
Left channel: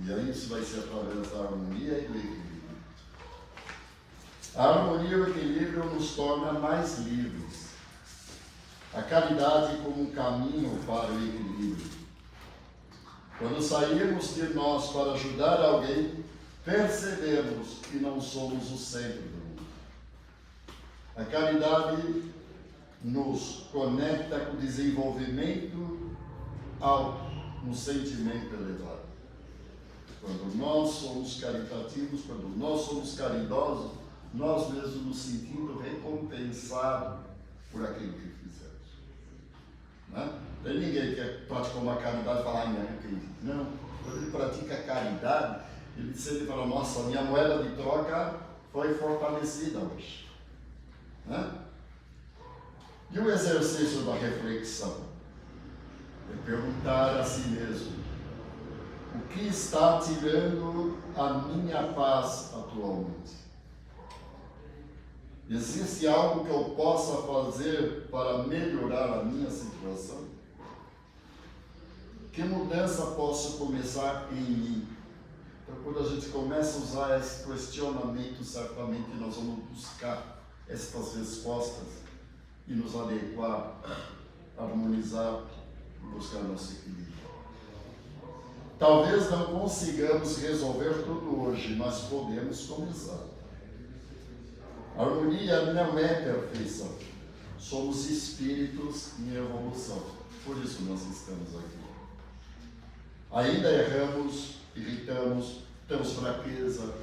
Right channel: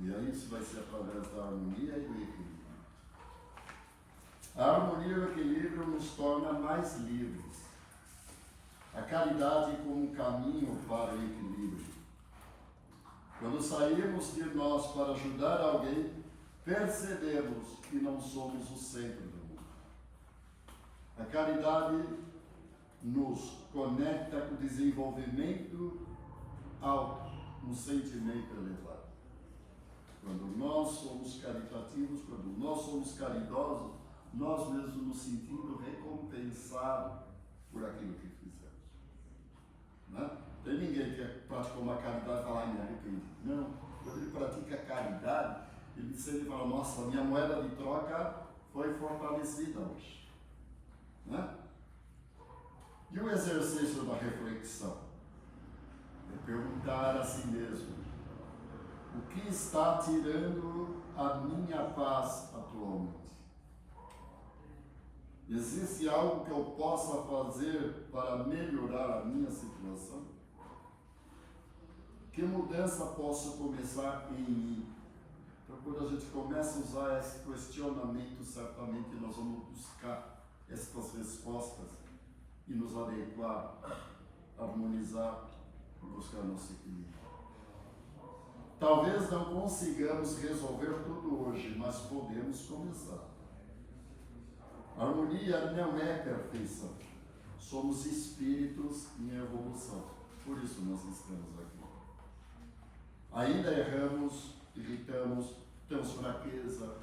E aí isso vai ser através da harmonia e do equilíbrio. A harmonia e o equilíbrio nos torna mais livres. A caridade como um caminho para o equilíbrio. Quando saímos de nós para ajudar alguém, percebemos que não somos o centro do mundo. A caridade nos conecta com o desenvolvimento alto, no sentimento elevado. Quando nós somos caritativos, quando nós somos caridosos, nós mesmos nos sentimos recompensados por aquilo que fizemos. Né? Tem ninguém que praticou uma caridade e fala, ai, me arrependi. Não, quando ele pratica a caridade, ele sempre fala, nossa, minha moeda de troca foi fortalecida hoje. Né? E o exercício da reflexão é perguntar a si mesmo: o que está tirando a minha paz atualmente? Existe algo que eu possa fazer para melhorar a minha situação? Que mudança posso começar em mim? Então, quando a gente começa a usar esse questionamento, certamente nós vamos buscar estas respostas e nos adequar, harmonizar e buscar nosso equilíbrio. Talvez não consigamos resolver tudo hoje, mas podemos começar. A harmonia não é perfeição, somos espíritos em evolução. Por isso nós estamos aqui. Ainda erramos, irritamos, temos fraqueza,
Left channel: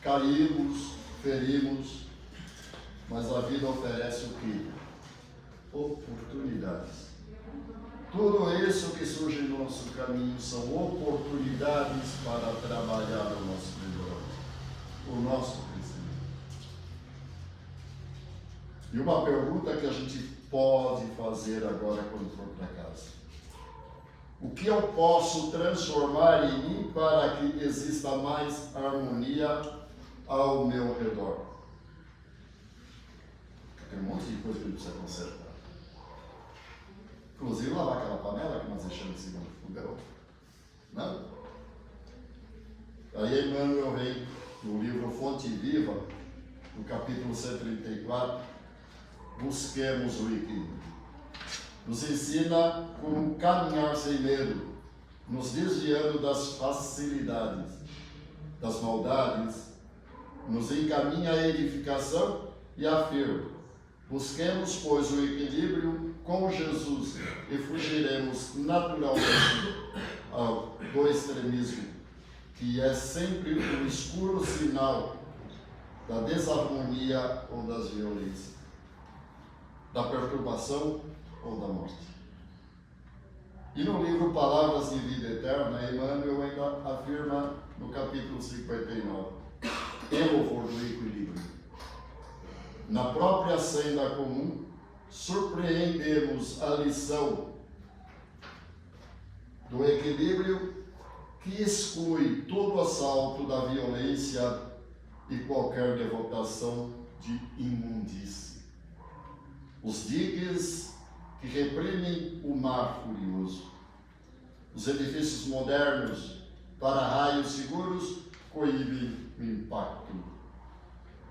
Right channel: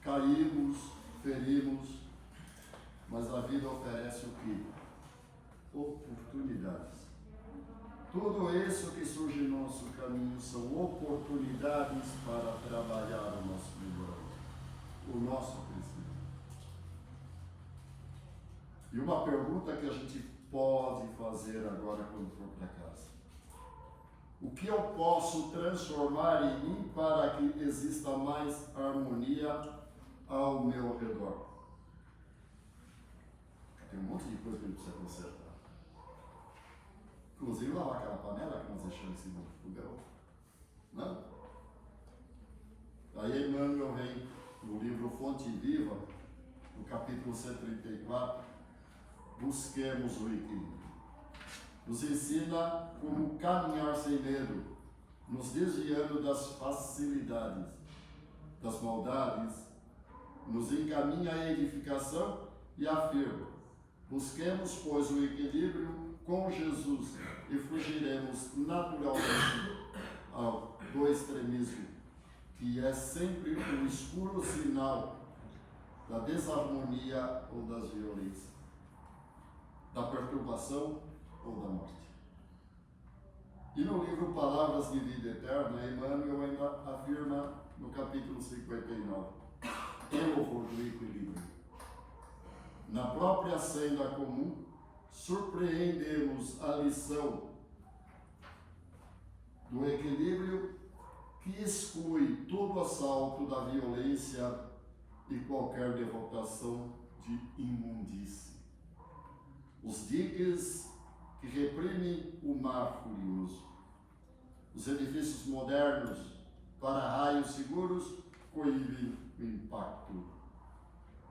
caímos, ferimos, mas a vida oferece o quê? Oportunidades. Tudo isso que surge no nosso caminho são oportunidades para trabalhar o nosso melhoramento, o nosso crescimento. E uma pergunta que a gente pode fazer agora quando for para casa: o que eu posso transformar em mim para que exista mais harmonia ao meu redor? Tem um monte de coisa que a gente precisa consertar. Inclusive lavar aquela panela que nós deixamos em cima do fogão. Não? Aí Emmanuel vem no livro Fonte Viva, no capítulo 134, busquemos o equilíbrio. Nos ensina como caminhar sem medo, nos desviando das facilidades, das maldades, nos encaminha à edificação e afirma: busquemos, pois, o equilíbrio com Jesus e fugiremos naturalmente do extremismo, que é sempre o escuro sinal da desarmonia ou das violências, da perturbação ou da morte. E no livro Palavras de Vida Eterna, Emmanuel ainda afirma no capítulo 59, em louvor do equilíbrio: na própria senda comum, surpreendemos a lição do equilíbrio que exclui todo assalto da violência e qualquer devotação de imundície. Os digues que reprimem o mar furioso. Os edifícios modernos para raios seguros coíbem o impacto.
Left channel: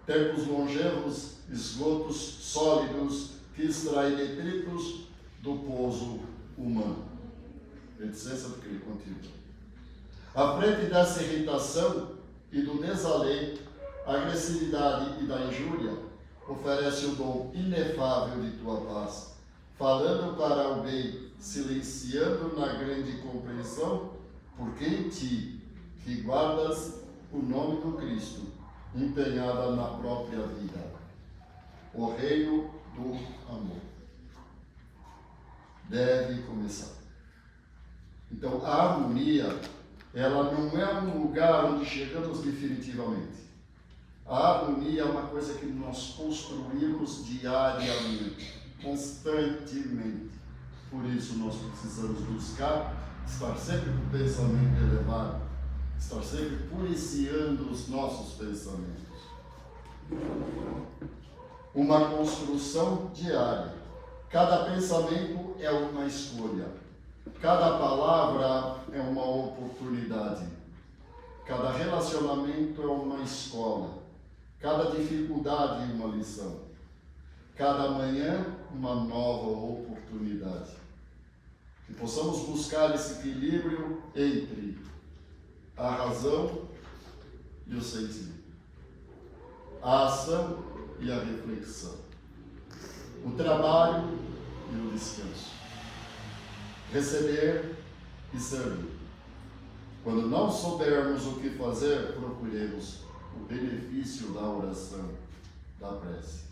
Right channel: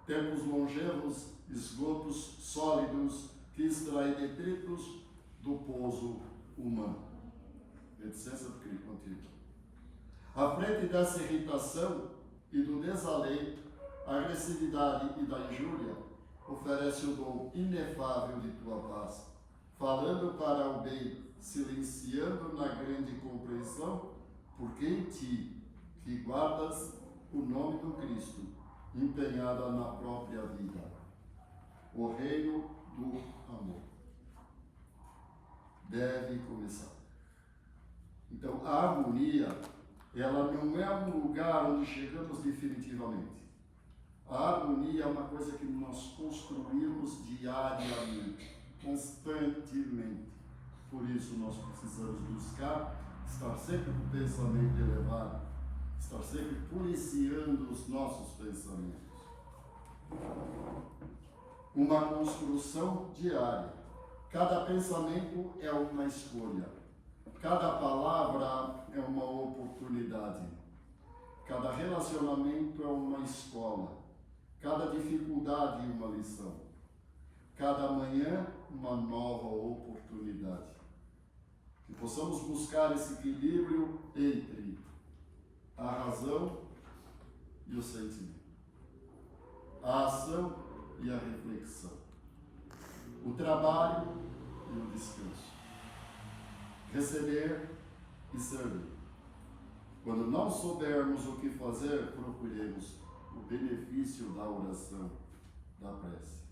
Tempos longevos, esgotos sólidos que extraem detritos do pouso humano. Reticência do que contigo. À frente dessa irritação e do desalento, a agressividade e da injúria, oferece o dom inefável de tua paz, falando para o bem, silenciando na grande compreensão, porque em ti, que guardas o nome do Cristo, empenhada na própria vida, o reino do amor deve começar. Então, a harmonia, ela não é um lugar onde chegamos definitivamente. A harmonia é uma coisa que nós construímos diariamente, constantemente. Por isso, nós precisamos buscar estar sempre com o pensamento elevado, estar sempre policiando os nossos pensamentos. Uma construção diária. Cada pensamento é uma escolha. Cada palavra é uma oportunidade. Cada relacionamento é uma escola. Cada dificuldade é uma lição. Cada manhã, uma nova oportunidade. Que possamos buscar esse equilíbrio entre a razão e o sentimento, a ação e a reflexão, o trabalho e o descanso, receber e servir. Quando não soubermos o que fazer, procuremos o benefício da oração, da prece.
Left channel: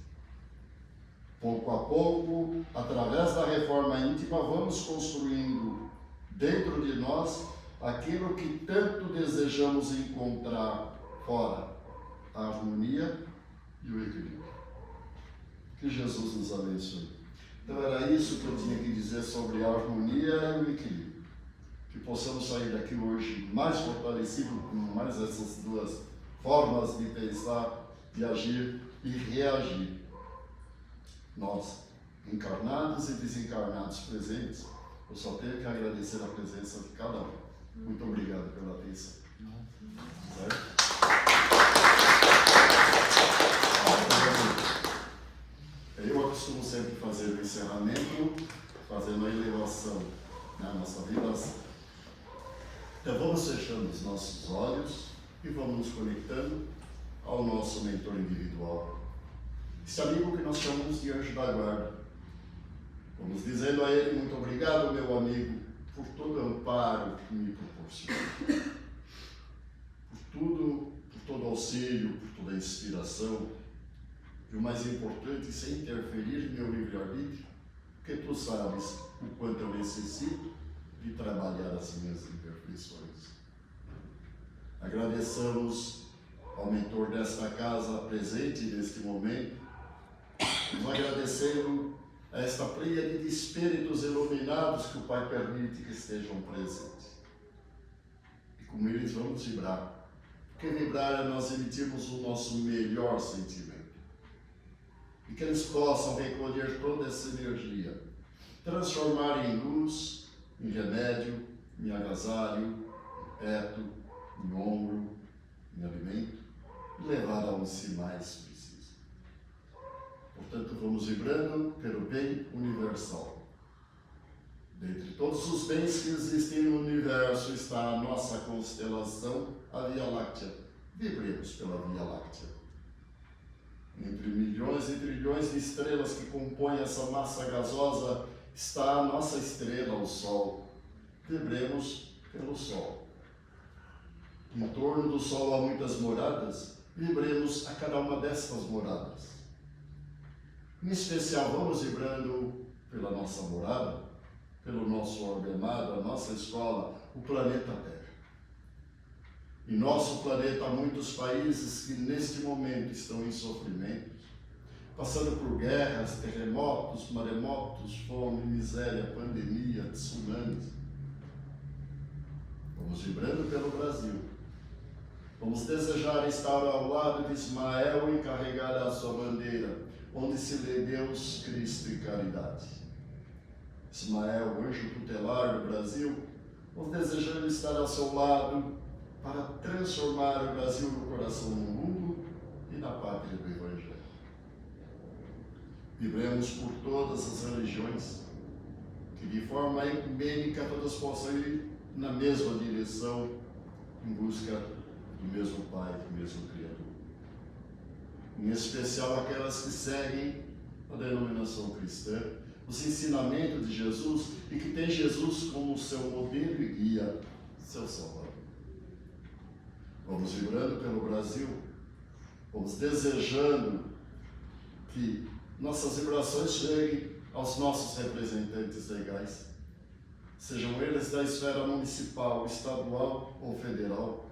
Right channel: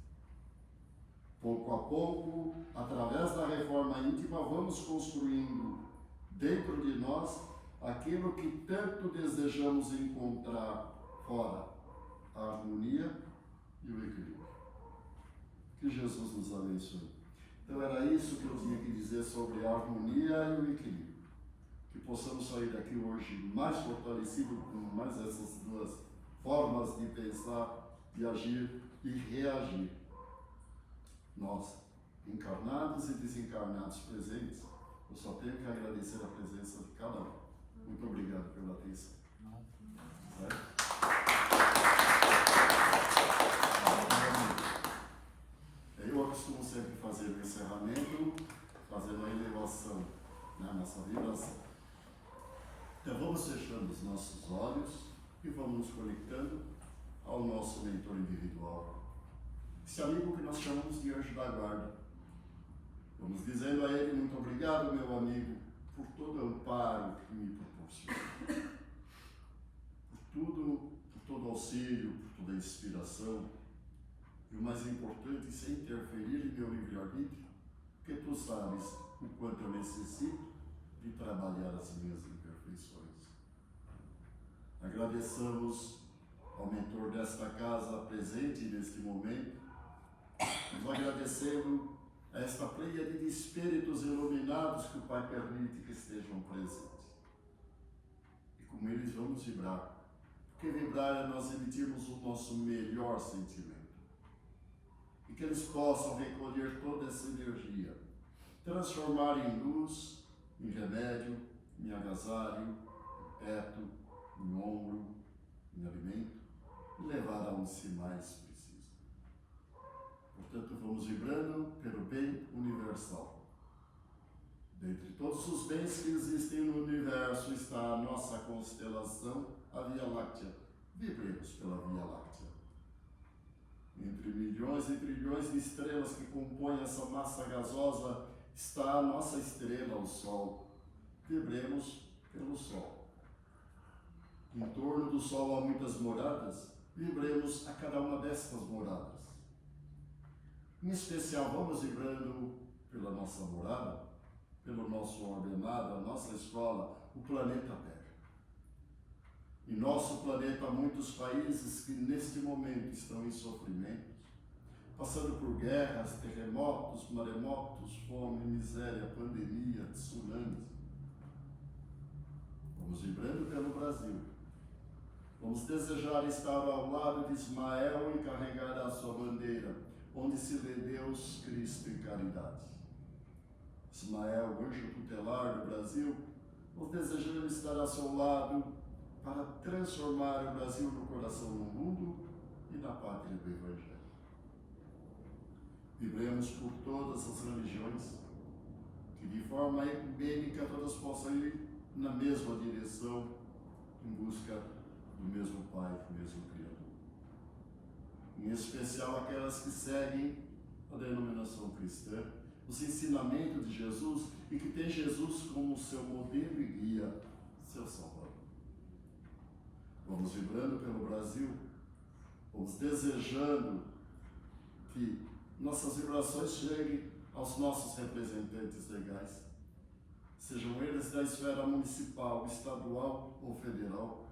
Pouco a pouco, através da reforma íntima, vamos construindo dentro de nós aquilo que tanto desejamos encontrar fora: a harmonia e o equilíbrio. Que Jesus nos abençoe. Então era isso que eu tinha que dizer sobre a harmonia e o equilíbrio. Que possamos sair daqui hoje mais fortalecidos com mais essas duas formas de pensar, de agir e reagir. Nós, encarnados e desencarnados presentes, eu só tenho que agradecer a presença de cada um. Muito obrigado pela atenção. Certo? Eu costumo sempre fazer o encerramento, fazendo a elevação na nossa vibração. Então vamos fechando os nossos olhos e vamos nos conectando ao nosso mentor individual, esse amigo que nós chamamos de anjo da guarda. Vamos dizendo a ele: muito obrigado, meu amigo, por todo o amparo que me proporciona, por todo auxílio, por toda a inspiração, e o mais importante, sem interferir em meu livre-arbítrio, porque tu sabes o quanto eu necessito de trabalhar as minhas imperfeições. Agradeçamos ao mentor desta casa presente neste momento, nos agradecendo a esta pleiade de espíritos iluminados que o Pai permite que estejam presentes. E com eles vamos vibrar, porque vibrar é nós emitirmos o nosso melhor sentimento. E que eles possam recolher toda essa energia, transformar em luz, em remédio, em agasalho, em teto, em ombro, em alimento, e levar aonde se mais precisa. Portanto, vamos vibrando pelo bem universal. Dentre todos os bens que existem no universo está a nossa constelação, a Via Láctea. Vibremos pela Via Láctea. Entre milhões e trilhões de estrelas que compõem essa massa gasosa está a nossa estrela, o Sol. Vibremos pelo Sol. Em torno do Sol há muitas moradas, vibremos a cada uma destas moradas. Em especial, vamos vibrando pela nossa morada, pelo nosso orbe amado, a nossa escola, o planeta Terra. Em nosso planeta há muitos países que neste momento estão em sofrimentos, passando por guerras, terremotos, maremotos, fome, miséria, pandemia, tsunamis. Vamos vibrando pelo Brasil. Vamos desejar estar ao lado de Ismael e carregar a sua bandeira, onde se lê Deus, Cristo e caridade. Ismael, anjo tutelar do Brasil, vamos desejando estar ao seu lado para transformar o Brasil no coração do mundo e na pátria do Evangelho. Vibremos por todas as religiões, que de forma ecumênica todas possam ir na mesma direção, em busca do mesmo Pai, do mesmo Criador. Em especial aquelas que seguem a denominação cristã, os ensinamentos de Jesus e que tem Jesus como seu modelo e guia, seu Salvador. Vamos vibrando pelo Brasil, vamos desejando que nossas vibrações cheguem aos nossos representantes legais, sejam eles da esfera municipal, estadual ou federal,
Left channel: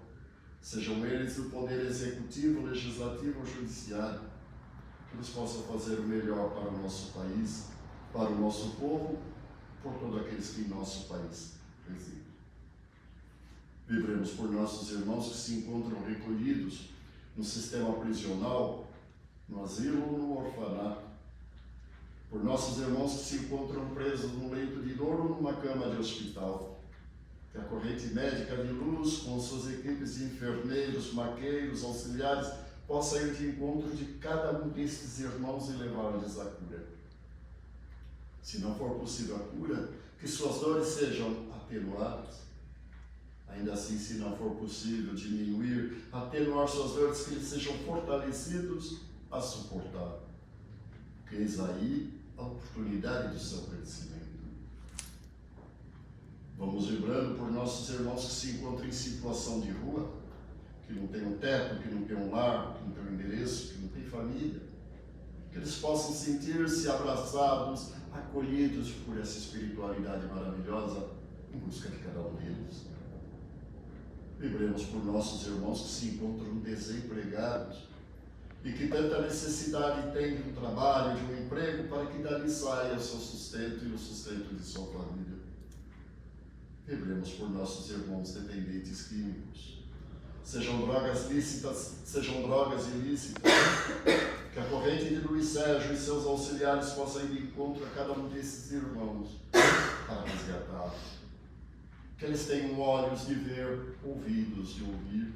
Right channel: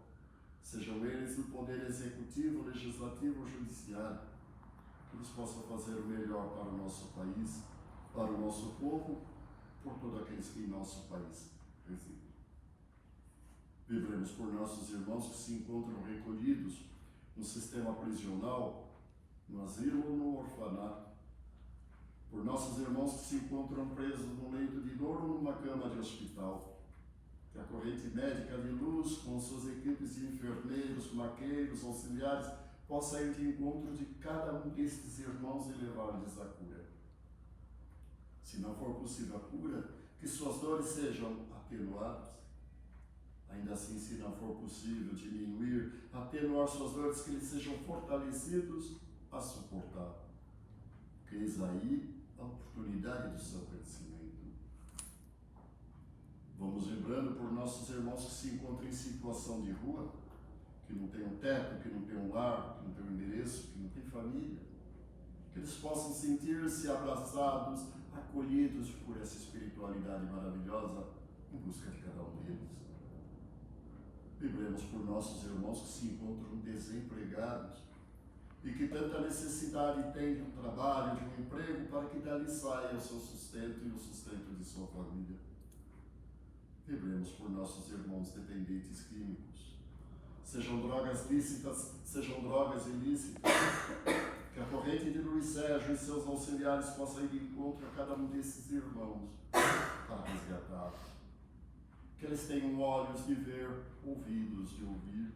sejam eles do poder executivo, legislativo ou judiciário, que eles possam fazer o melhor para o nosso país, para o nosso povo, por todos aqueles que em nosso país residem. Vibremos por nossos irmãos que se encontram recolhidos no sistema prisional, no asilo ou no orfanato, por nossos irmãos que se encontram presos num leito de dor ou numa cama de hospital, que a corrente médica de luz, com suas equipes de enfermeiros, maqueiros, auxiliares, possa ir de encontro de cada um destes irmãos e levar-lhes a cura. Se não for possível a cura, que suas dores sejam atenuadas. Ainda assim, se não for possível diminuir, atenuar suas dores, que eles sejam fortalecidos a suportar. Que eis aí a oportunidade do seu crescimento. Vamos vibrando por nossos irmãos que se encontram em situação de rua, que não tem um teto, que não tem um lar, que não tem um endereço, que não tem família. Que eles possam sentir-se abraçados, acolhidos por essa espiritualidade maravilhosa em busca de cada um deles. Vibremos por nossos irmãos que se encontram desempregados e que tanta necessidade têm de um trabalho, de um emprego, para que dali saia o seu sustento e o sustento de sua família. Vibremos por nossos irmãos dependentes químicos, sejam drogas lícitas, sejam drogas ilícitas, que a corrente de Luiz Sérgio e seus auxiliares possam ir de encontro a cada um desses irmãos para resgatá-los. Que eles tenham olhos de ver, ouvidos de ouvir,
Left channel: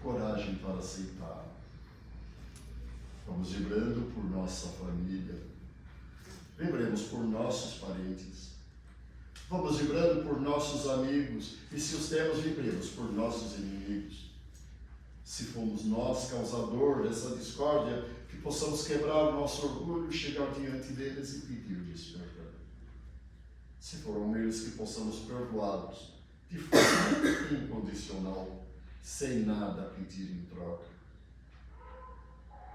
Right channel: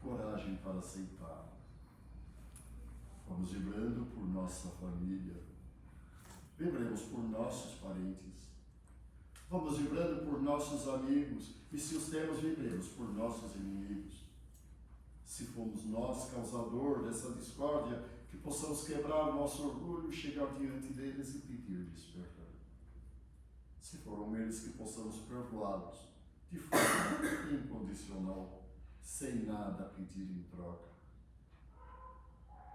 coragem para aceitar. Vamos vibrando por nossa família, vibremos por nossos parentes, vamos vibrando por nossos amigos, e se os temos, vibremos por nossos inimigos. Se fomos nós causador dessa discórdia, que que possamos quebrar o nosso orgulho, chegar diante deles e pedir-lhes perdão. Se foram eles, que possamos perdoá-los de forma incondicional, sem nada pedir em troca.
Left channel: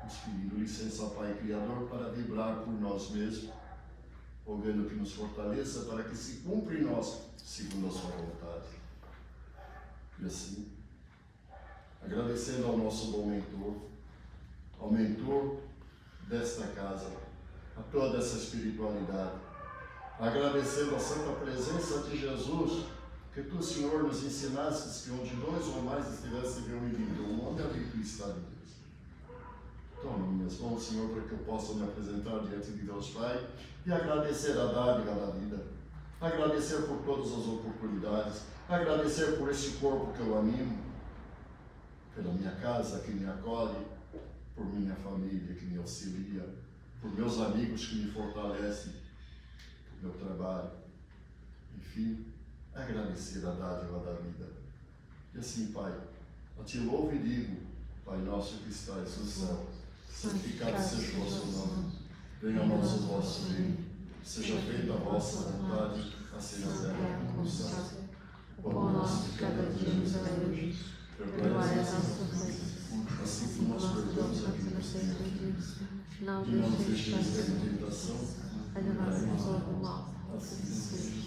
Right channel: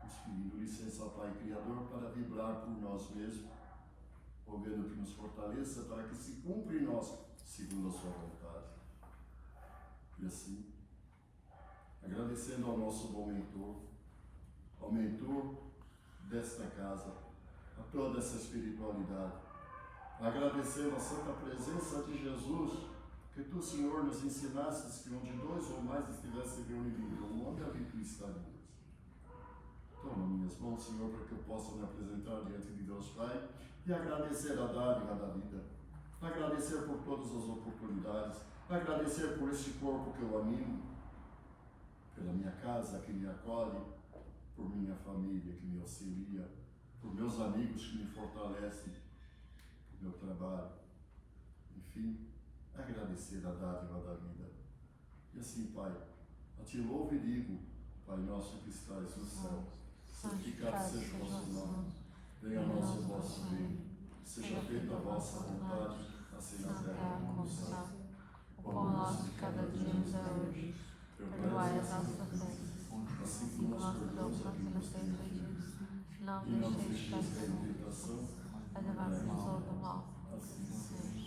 Nos pedindo licença, Pai Criador, para vibrar por nós mesmos, rogando que nos fortaleça para que se cumpra em nós segundo a sua vontade. E assim, agradecendo ao nosso bom mentor, ao mentor desta casa, a toda essa espiritualidade, agradecendo a santa presença de Jesus, que tu, Senhor, nos ensinastes que onde dois ou mais estivessem reunidos em teu nome, ali tu estás, Deus. Toma minhas mãos, Senhor, para que eu possa me apresentar diante de Deus Pai e agradecer a dádiva da vida, agradecer por todas as oportunidades, agradecer por este corpo que eu animo, pela minha casa que me acolhe, por minha família que me auxilia, por meus amigos que me fortalecem, por meu trabalho, enfim, agradecer a dádiva da vida. E assim, Pai, a Ti louvo e digo, Pai nosso que estais no céu, santificado seja o vosso nome, venha a nós o vosso reino, seja feita a vossa vontade, assim na terra como no céu. O pão nosso de cada dia nos dai hoje, perdoai as nossas ofensas, assim como nós perdoamos a quem nos tem ofendido, e não nos deixeis cair em tentação, mas livrai-nos do mal. Assim seja.